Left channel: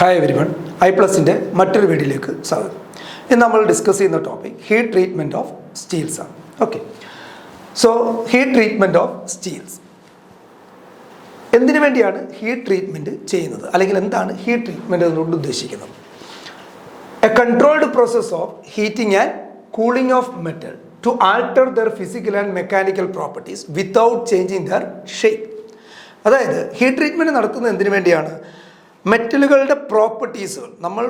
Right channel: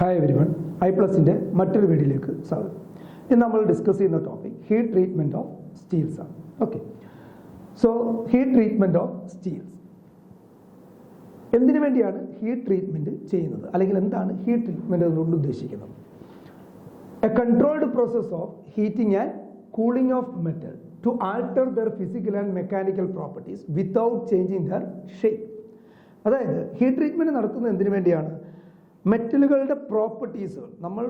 Hi everyone, iPlusന്റെ മറ്റൊരു വീഡിയോയിലേക്ക് സ്വാഗതം. ഇന്ന് നമ്മൾ ഡിസ്കസ് ചെയ്യുന്ന topic heat treatment of steels ആണ്. Okay, so heat treatment of steels എന്തിനു വേണ്ടിയാണ് ഹീറ്റ് ട്രീറ്റ്മെൻറ്റ് ചെയ്യുന്നത്, അല്ലെങ്കിൽ എന്താണ് ഹീറ്റ് ട്രീറ്റ്മെൻറ്റ് എന്നുകൊണ്ട് ഉദ്ദേശിക്കുന്നത്? A controlled process of heating and cooling of metal to alter their physical and mechanical properties without changing their shape. അതായത് heat treatment നടത്തുന്നത് എന്തിനു വേണ്ടിയാണ്? മെറ്റലുകളുടെ പ്രോപ്പർട്ടീസുകൾ, നമ്മൾ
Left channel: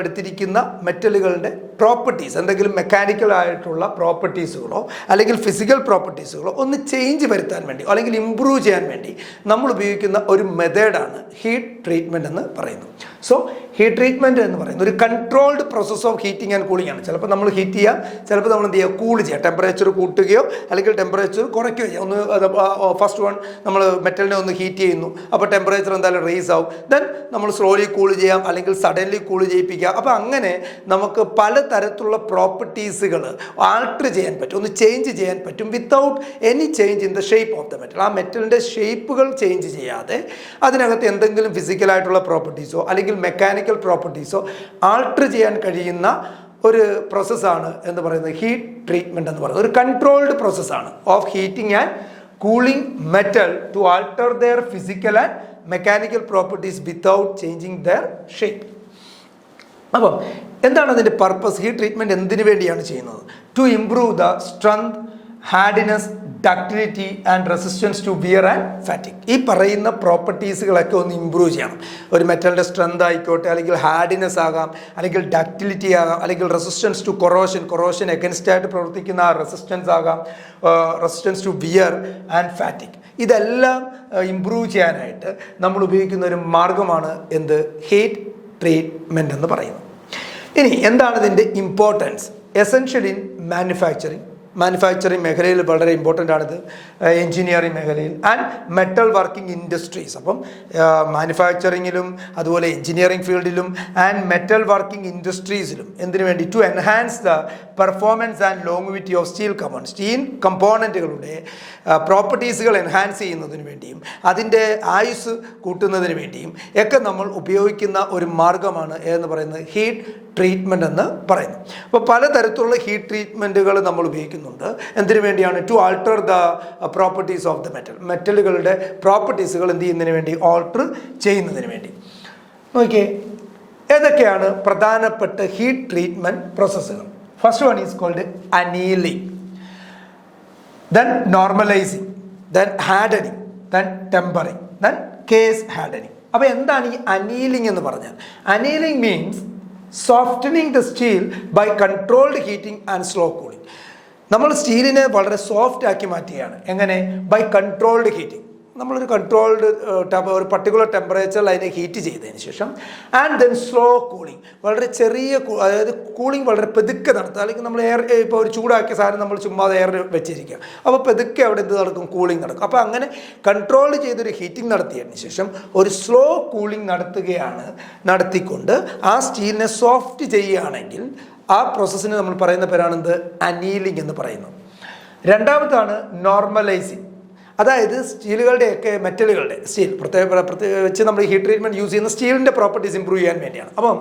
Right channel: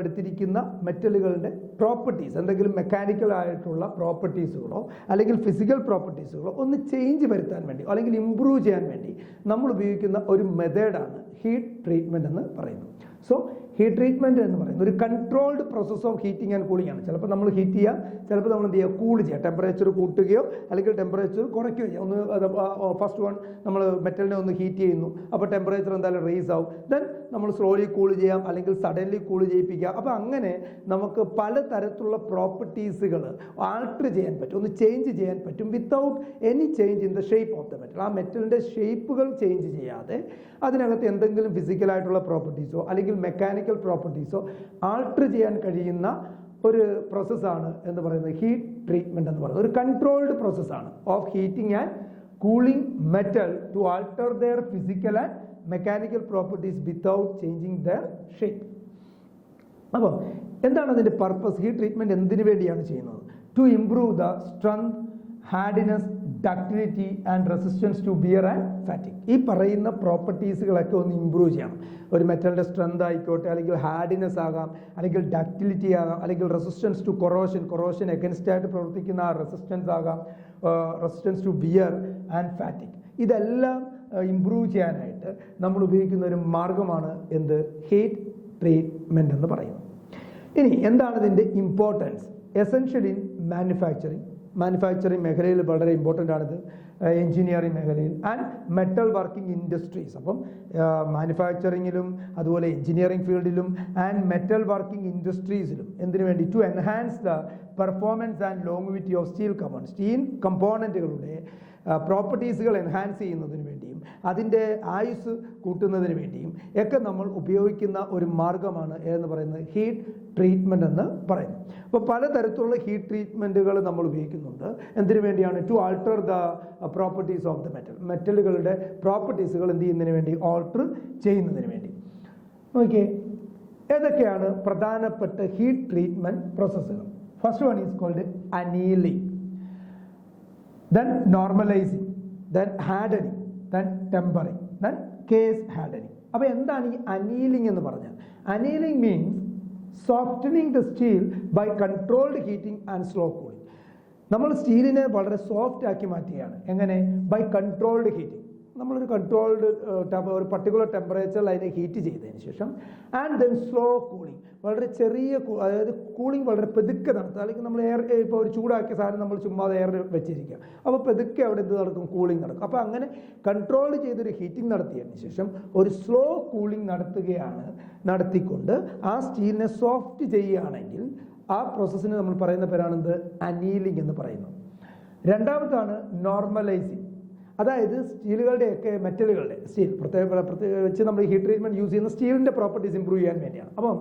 എടുത്തിരിക്കുന്ന മെറ്റലുകളുടെ പ്രോപ്പർട്ടീസ്, എന്തെങ്കിലും മെക്കാനിക്കൽ ആയിട്ടുള്ള പ്രോപ്പർട്ടീസുകളോ അല്ലെങ്കിൽ ഫിസിക്കൽ പ്രോപ്പർട്ടീസുകളോ ഒന്ന് ചേഞ്ച് വരുത്താൻ വേണ്ടി അല്ലെങ്കിൽ ഇമ്പ്രൂവ് ചെയ്യാൻ വേണ്ടി നമ്മൾ ഉപയോഗിക്കുന്ന ഒരു മെത്തേഡാണ് ഹീറ്റ് ട്രീറ്റ്മെൻറ്റ് എന്ന് പറയുന്നത്. സോ ഹീറ്റ് ട്രീറ്റ്മെൻറ്റ് എന്ന് പറയുന്നത് ഒരു controlled process of heating and cooling ആണ്. ചിലപ്പോൾ നമ്മൾ ഹീറ്റ് ചെയ്യാം, ചിലപ്പോൾ നമ്മൾ എന്ത് ചെയ്യുക, കൂൾ ചെയ്യാം, ടെമ്പറേച്ചർ കൂട്ടുകയോ അല്ലെങ്കിൽ ടെമ്പറേച്ചർ കുറയ്ക്കുകയോ ചെയ്യാം. ഒന്ന് ഫസ്റ്റ് വൺ നമ്മൾ മെറ്റലിനെ ഒന്ന് ഹീറ്റ് ചെയ്യുന്നു, അപ്പോൾ ടെമ്പറേച്ചർ എന്തായാലും റേസ് ആവും. ദെൻ നമ്മൾ സ്ലോലി കൂൾ ചെയ്യാം, അല്ലെങ്കിൽ സഡൻലി കൂൾ ചെയ്യിപ്പിക്കാം. അപ്പോൾ അങ്ങനെ നമുക്ക് പലതരത്തിലുള്ള പ്രോപ്പർട്ടീസുകൾ ആൾട്ടർ ചെയ്യാൻ പറ്റും, ഒന്ന് ചേഞ്ച് ചെയ്യാൻ പറ്റും without any change in the shape of the metal. ആ മെറ്റലിൻ്റെ ഷേപ്പുകൾ ചേഞ്ച് ചെയ്യാതെ അതിനകത്ത് എന്തെങ്കിലും ഫിസിക്കലായിട്ടുള്ള പ്രോപ്പർട്ടീസോ അല്ലെങ്കിൽ മെക്കാനിക്കൽ പ്രോപ്പർട്ടീസോ ആൾട്ടർ ചെയ്യാൻ കഴിയുന്ന ഒരു പ്രോസസ്സാണ് എന്ന് പറയുന്നത് ഹീറ്റ് ട്രീറ്റ്മെൻറ്റ് എന്ന് പറയുന്നത്. ഒരു കൺട്രോൾഡ് പ്രോസസ്സാണ് of heating and cooling metal to alter their physical and mechanical properties without changing their shape. അപ്പം എന്താണ് അതിൻ്റെ പർപ്പസ്? ഹീറ്റ് ട്രീറ്റ്മെൻറ്റ് എന്തിനു വേണ്ടിയാണ് ചെയ്യുന്നത്? To improve the strength, hardness, ductility and resistance to wear and fatigue. ഈ പറയുന്ന പ്രോപ്പർട്ടീസുകളൊക്കെ ഒന്ന് improve ചെയ്യണം. ഒരു മെറ്റലിൻ്റെ സ്ട്രെങ്ത് ആയിക്കോട്ടെ, അല്ലെങ്കിൽ ഹാർഡിനെസ് ആകാം, അല്ലെങ്കിൽ ഡക്റ്റിലിറ്റി ആകാം, അല്ലെങ്കിൽ റെസിസ്റ്റൻസ് ടു കൊറോഷൻ എഗൻസ്റ്റ് ആയിട്ട് പ്രവർത്തിക്കുന്ന ആ റെസിസ്റ്റൻസ് ആകാം, resistance to wear and fatigue. ഇതെല്ലാം ഇമ്പ്രൂവ് ചെയ്യാനായിട്ട് നമ്മൾ ഉപയോഗിക്കുന്ന ഒരു മാർഗമാണ് എന്ത്? ഹീറ്റ് ട്രീറ്റ്മെൻറ്റ് എന്ന് പറയുന്നത്. ഇനി എന്താണ് ഇതിൻ്റെ ഇമ്പോർട്ടൻസ്? എസെൻഷ്യൽ ഇൻ മാനുഫാക്ചറിങ് മേഖലയിൽ വളരെ ഇമ്പോർട്ടൻ്റ് ആണിത്, എൻജിനീയറിംഗ് മേഖലയിൽ ആൻഡ് മെറ്റൽ വർക്കിംഗ് ഇൻഡസ്ട്രീസ്. അപ്പം മാനുഫാക്ചറിങ്ങിലും അതുപോലെ എൻജിനീയറിംഗ് ഫീൽഡിലും ആൻഡ് മെറ്റൽ വർക്കിംഗ് ഇൻഡസ്ട്രീസിലും എന്തിനു വേണ്ടി? To enhance the performance and longevity of steel കമ്പോണൻറ്റുകളുടെ പ്രോപ്പർട്ടീസുകൾ എൻഹാൻസ് ചെയ്യുന്നതിന് വേണ്ടിയും അതിൻ്റെ ആയുസ് കൂട്ടുന്നതിന് വേണ്ടിയും ഒക്കെ നമ്മൾ ഉപയോഗിക്കുന്ന ഒരു മാർഗമാണ് എന്ന് പറയുന്നത് ഹീറ്റ് ട്രീറ്റ്മെൻറ്റ് എന്ന് പറയുന്നത്. അപ്പോൾ പലതരത്തിലുള്ള ഹീറ്റ് ട്രീറ്റ്മെൻറ്റുകൾ നമ്മൾ ഉപയോഗിക്കുന്നുണ്ട്. എന്തിനു വേണ്ടിയാണ്? To alter the properties of the മെറ്റലുകളുടെ പ്രോപ്പർട്ടീസുകൾ എന്ത് ചെയ്യുന്നതിന് വേണ്ടി? ഓൾട്ടർ ചെയ്യുന്നതിന് വേണ്ടി. നോക്കിയേ, ഏതൊക്കെയാണ് പ്രധാനപ്പെട്ട ഹീറ്റ് ട്രീറ്റ്മെൻറ്റ് പ്രോസസ്സുകൾ? First one is called annealing, then normalising, then hardening, then tempering, then case hardening. അപ്പോൾ എന്താണ് ഈ അനീലിംഗ് എന്ന് പറഞ്ഞാൽ? Annealing means softening the steel by controlled heating and slow cooling. നമ്മൾ സ്റ്റീലിനെ വളരെ സോഫ്റ്റ് ആക്കി മാറ്റുകയാണ്. എങ്ങനെ? By controlled heating. നമ്മളൊരു കൺട്രോൾഡ് ഒരു പർട്ടിക്കുലർ ടെമ്പറേച്ചറിൽ അതിനെ ഹീറ്റ് ചെയ്തതിന് ശേഷം ആൻഡ് ദെൻ സ്ലോ കൂളിംഗ്, വളരെ ചെറിയ അതായത് കൂളിംഗ് വളരെ പെതുക്കെ നടത്തുക. അല്ലെങ്കിൽ നമ്മൾ എയർ, ഇപ്പോൾ ഒരു ചൂടാക്കിയ സാധനം നമ്മൾ ചുമ്മാ എയർ വെച്ചിരിക്കുക, അപ്പോൾ പെതുക്കെ അവിടെ എന്ത് നടക്കും? കൂളിംഗ് നടക്കും. അപ്പോൾ അങ്ങനെ കൺട്രോൾ ചെയ്തൊരു ഹീറ്റിംഗ് നടത്തിയതിന് ശേഷം ഒരു സ്ലോ കൂളിംഗ് നടത്തിക്കൊണ്ട് ആ സ്റ്റീലിനെ സോഫ്റ്റ് ചെയ്യുകയാണെങ്കിൽ ആ പ്രോസസ്സിന് നമ്മൾ പറയുന്ന പേരാണെന്ത്? അനീലിംഗ് എന്ന് പറയുന്നു. രണ്ടാമതാണ് നോർമലൈസിങ്. അതായത് സ്റ്റീലുകളുടെയൊക്കെ മെറ്റലുകളുടെ പ്രത്യേകിച്ച് നമ്മൾ ഹീറ്റ് ട്രീറ്റ്മെൻറ്റ് യൂസ് ചെയ്യുന്ന സ്റ്റീലിൻ്റെ പ്രോപ്പർട്ടീസ് ഇമ്പ്രൂവ് ചെയ്യാൻ വേണ്ടിയാണ്. അപ്പം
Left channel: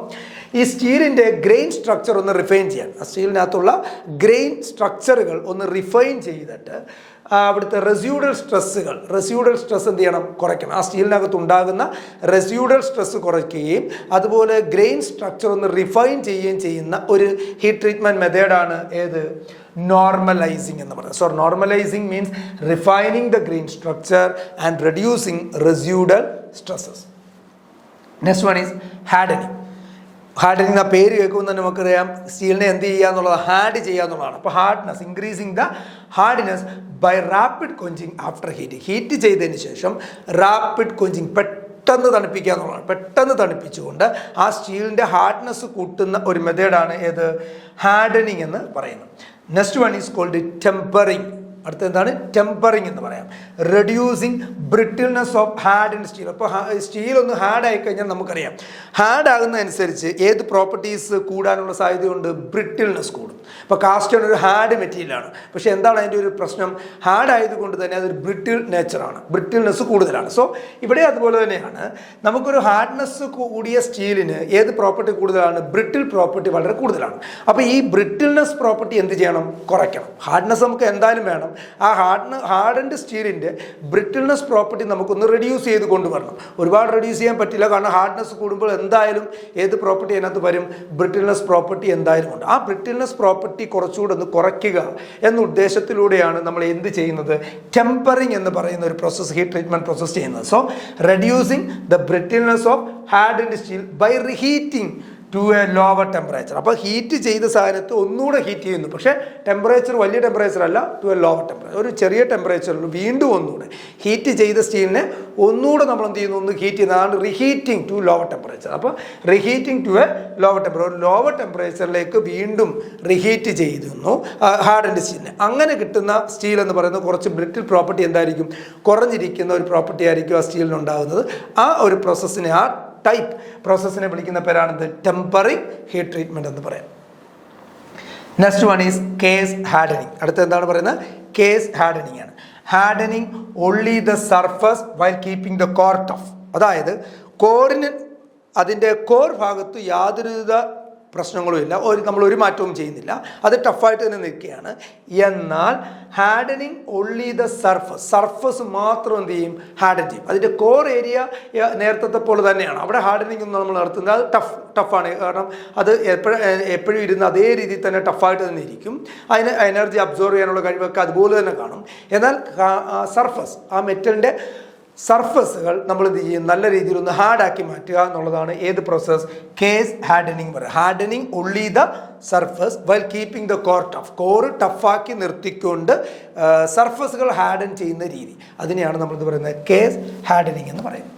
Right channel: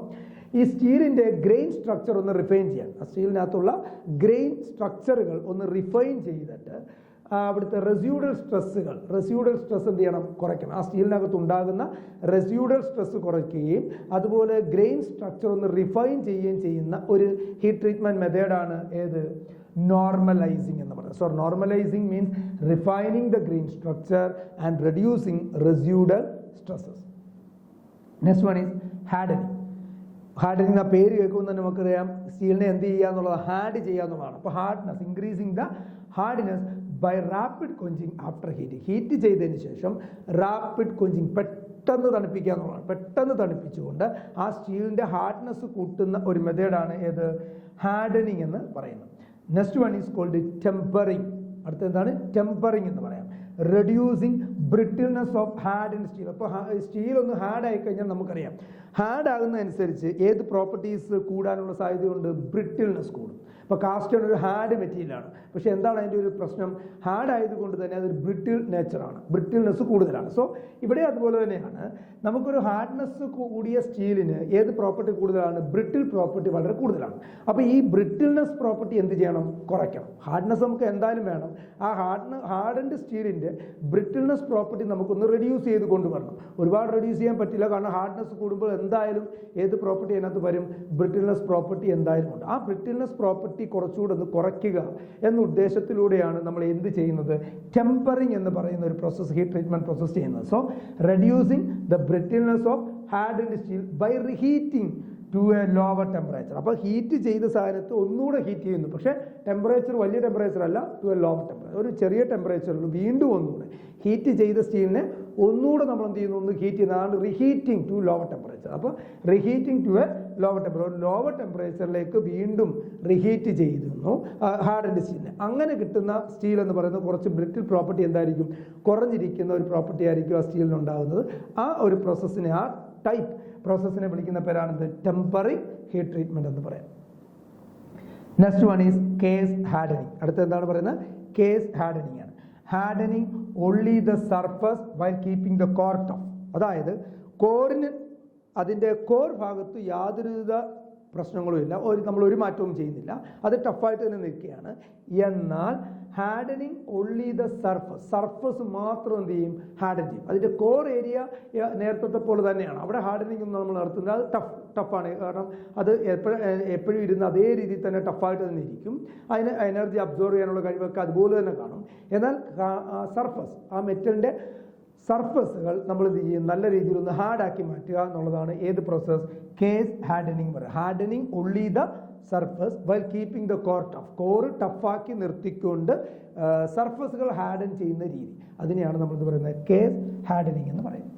ഈ സ്റ്റീലിൻ്റെ ഗ്രെയിൻ സ്ട്രക്ചർ ഒന്ന് റിഫൈൻ ചെയ്യാൻ, ആ സ്റ്റീലിനകത്തുള്ള ഗ്രെയിൻ സ്ട്രക്ചറുകൾ ഒന്ന് റിഫൈൻ ചെയ്തിട്ട് അവിടുത്തെ റെസ്യൂഡൽ സ്ട്രെസ് എന്ത് ചെയ്യണം? കുറയ്ക്കണം. ആ സ്റ്റീലിനകത്ത് ഉണ്ടാകുന്ന റെസ്യൂഡൽ സ്ട്രെസ് കുറയ്ക്കുകയും അതുപോലെ ഗ്രെയിൻ സ്ട്രക്ചർ ഒന്ന് റിഫൈൻ ചെയ്യുകയും ചെയ്യുന്ന ഒരു ഹീറ്റ് ട്രീറ്റ്മെൻറ്റ് മെത്തേഡാണ് ഏത്? നോർമലൈസിങ് എന്ന് പറയുന്നത്. So normalising means refining the grain structure and reducing residual stresses. Next one is hardening. Hardening, ആ പേര് കേൾക്കുമ്പോൾ തന്നെ നമുക്കറിയാം സ്റ്റീലിനെ എന്ത് ചെയ്യുക എന്നുള്ളത്? ഹാർഡ് ചെയ്യുക എന്നുള്ളതാണ്. അപ്പോൾ hardness, increasing the hardness by rapid quenching after heat ചെയ്തതിന് ശേഷം റാപ്പിഡ് ക്വഞ്ചിങ്, പെട്ടെന്ന് തണുപ്പിക്കുക എന്നുള്ളതാണ്. പെട്ടെന്ന് തണുപ്പിച്ചുകൊണ്ട് ആ സ്റ്റീലിൻ്റെ ഹാർഡ്നെസ് കൂട്ടുന്ന ഒരു മെത്തേഡാണ് ഏത്? ഹാർഡനിങ് എന്ന് പറയുന്നത്. Next one is called tempering. അടുത്ത എന്താണ് ടെമ്പറിങ് എന്ന് പറയാം. Reducing brittleness of hard and steel. അപ്പോൾ സ്റ്റീൽ ഒന്ന് ഹാർഡ് ആയി കഴിഞ്ഞാൽ നമുക്കറിയാം ഹാർഡ് ആകുന്നതനുസരിച്ച് ഏത് പ്രോപ്പർട്ടീസ് കൂടാനുള്ള സാധ്യതയുണ്ട്, ബ്രിട്ടിൽനെസ് കൂടും. അപ്പോൾ കാസ്റ്റോൺ ഒരു ഹാർഡ് മെറ്റീരിയലാണ്, പക്ഷേ എന്താണ് അതിൻ്റെ ഒരു പ്രശ്നം, ഹാർഡ് ആയതുകൊണ്ട് തന്നെ അതൊരു ബ്രിട്ടിൽ നേച്ചറാണ്, ബ്രിട്ടിൽനെസ് കൂടുതലാണ്. സോ ഇവിടെ അതുപോലെ തന്നെയാണ് നമുക്കൊരു ഹാർഡ്നെസ് കൂടിയ സ്റ്റീലിന് ഏത് പ്രോപ്പർട്ടി കൂടുതലാണ്, ബ്രിട്ടിൽ പ്രോപ്പർട്ടി വളരെ കൂടുതലാണ്. അപ്പോൾ ഈ ബ്രിട്ടിൽനെസ് പ്രോപ്പർട്ടി എന്ത് ചെയ്യണം, കുറയ്ക്കണം. ഹാർഡ്നെസ് നമുക്ക് എന്തായാലും വേണം, ആ ഹാർഡൻഡ് സ്റ്റീലിൻ്റെ ബ്രിട്ടിൽനെസ് പ്രോപ്പർട്ടി നമുക്കൊന്ന് റെഡ്യൂസ് ചെയ്ത് കൊണ്ടുവരണം. ഒരുപാട് റെഡ്യൂസ് ചെയ്യാൻ പറ്റില്ല, കാരണം ഹാർഡ്നെസ് കൂടുമ്പോൾ എന്തായാലും ഏത് പ്രോപ്പർട്ടി അതിനകത്ത് വരും, ബ്രിട്ടിൽനെസ് പ്രോപ്പർട്ടി എന്തായാലും ഉണ്ട്. ആ ബ്രിട്ടിൽനെസ് പ്രോപ്പർട്ടി കുറച്ചുകൂടെ ഒന്ന് കുറയ്ക്കുക എന്ന ഉദ്ദേശത്തിലൂടെയാണ് നമ്മൾ എന്ത് ചെയ്യുന്നത്, ടെമ്പറിങ് എന്ന് പറയുന്ന ഒരു പ്രോസസ്സ്, ഹീറ്റ് ട്രീറ്റ്മെൻറ്റ് പ്രോസസ്സ് ചെയ്യുന്നത്. So reducing the brittleness of hardened steel by reheating to a lower temperature. അപ്പോൾ ഹീറ്റ് ചെയ്ത സാധനത്ത് ഒന്നുകൂടെ ഹീറ്റ് ചെയ്യുന്നു, പക്ഷേ ടെമ്പറേച്ചർ വലിയ ടെമ്പറേച്ചർ അല്ല, ടു എ ലോവർ ടെമ്പറേച്ചർ, ഒരു ചെറിയ ടെമ്പറേച്ചറിൽ വീണ്ടും ഒന്നുകൂടെ ഹീറ്റ് ചെയ്ത സ്റ്റീലിനെ ഒന്നുകൂടെ നമ്മൾ എന്ത് ചെയ്യുന്നു, ഒന്ന് ഹീറ്റ് ചെയ്യുന്നതാണ് റീഹീറ്റിംഗ് ടു ലോവർ ടെമ്പറേച്ചർ. അപ്പോൾ reheating to a lower temperature, ഒരു ലോവർ ടെമ്പറേച്ചറിലേക്ക് വീണ്ടും റീഹീറ്റ് ചെയ്യുന്നു ഹാർഡൻഡ് സ്റ്റീലിനെ. അങ്ങനെ കിട്ടുന്ന സ്റ്റീൽ എന്ന് പറയുന്നത് കുറച്ച് ബ്രിട്ടിൽ പ്രോപ്പർട്ടി എന്തായിരിക്കും, കുറഞ്ഞിരിക്കുന്ന ഒരു പ്രോപ്പർട്ടി ആയിരിക്കും ആ സ്റ്റീലിനുണ്ടാകുന്നത്. ആ ഒരു പ്രോസസ്സിനെ, ആ ടൈപ്പ് പ്രോസസ്സിനെ വിളിക്കുന്ന പേരാണിത് ടെമ്പറിങ് ഹീറ്റ് ട്രീറ്റ്മെൻറ്റ് എന്ന് പറയാം. Next one is case hardening. അടുത്ത എന്താണ് പറയുന്നത്, കേസ് ഹാർഡനിങ് ആണ്. Hardening only the surface while keeping the core tough. അതായത് കോറിന്, അതിൻ്റെ കോർ ഭാഗത്ത് യാതൊരുവിധ പ്രശ്നങ്ങളുമില്ല, നമ്മൾ ഒരു മാറ്റവും ചെയ്യുന്നില്ല, അത് ടഫായിട്ട് തന്നെ നിൽക്കുകയാണ്. എന്നാൽ ഹാർഡനിങ് ഓൺലി ദ സർഫസ് മാത്രം എന്ത് ചെയ്യും, ഹാർഡൻ ചെയ്യും. അതിൻ്റെ കോർ ഏരിയ നേരത്തെ പോലെ തന്നെയാണ്, അവിടെ ഹാർഡനിങ് ഒന്നും നമ്മൾ നടത്തുന്നത്, അത് ടഫാണ്. കാരണം അത് എപ്പോഴും ഇരുന്ന് അതേ രീതിയിൽ തന്നെ ടഫായിട്ട് തന്നെ ഇരിക്കും. അതിന് എനർജി അബ്സോർവ് ചെയ്യാനുള്ള കഴിവൊക്കെ അതുപോലെ തന്നെ കാണും. എന്നാൽ സർഫസ്, ആ മെറ്റലിൻ്റെ സർഫസുകൾ നമ്മൾ എന്ത് ചെയ്യും, നല്ല രീതിയിൽ ഒന്ന് ഹാർഡാക്കി മാറ്റുക എന്നുള്ളതാണ് ഏത് പ്രോസസ്, കേസ് ഹാർഡനിങ് പറയുക. Hardening only the surface while keeping the core tough. Core ടഫാക്കി നിർത്തിക്കൊണ്ട് സർഫസുകൾ ഹാർഡൻ ചെയ്യുന്ന രീതി, അതിനെയാണ് നമ്മളിത് പറയുന്നത് കേസ് ഹാർഡനിങ് എന്ന് പറയുന്നത്.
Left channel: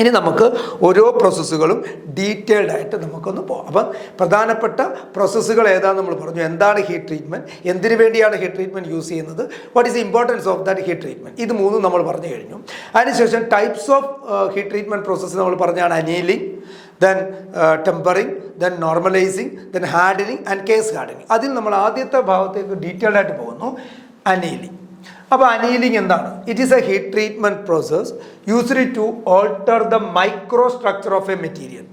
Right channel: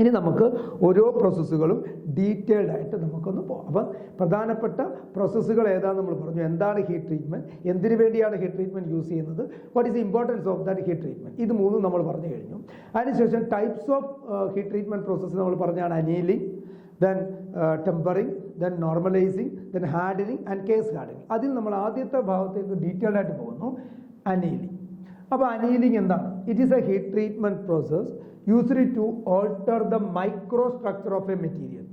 ഇനി നമുക്ക് ഓരോ പ്രോസസ്സുകളും ഡീറ്റെയിൽഡ് ആയിട്ട് നമുക്കൊന്ന് പോകാം. അപ്പം പ്രധാനപ്പെട്ട പ്രോസസ്സുകൾ ഏതാണെന്ന് നമ്മൾ പറഞ്ഞു. എന്താണ് ഹീറ്റ് ട്രീറ്റ്മെൻറ്റ്, എന്തിനു വേണ്ടിയാണ് ഹീറ്റ് ട്രീറ്റ്മെൻറ്റ് യൂസ് ചെയ്യുന്നത്, what is the importance of that heat treatment, ഇത് മൂന്നും നമ്മൾ പറഞ്ഞു കഴിഞ്ഞു. അതിനുശേഷം types of heat treatment process നമ്മൾ പറഞ്ഞാണ് annealing, then tempering, then normalising, then hardening and case hardening. അതിൽ നമ്മൾ ആദ്യത്തെ ഭാഗത്തേക്ക് ഡീറ്റെയിൽഡ് ആയിട്ട് പോകുന്നു, അനീലിംഗ്. അപ്പോൾ അനീലിംഗ് എന്താണ്, it is a heat treatment process used to alter the micro structure of a material.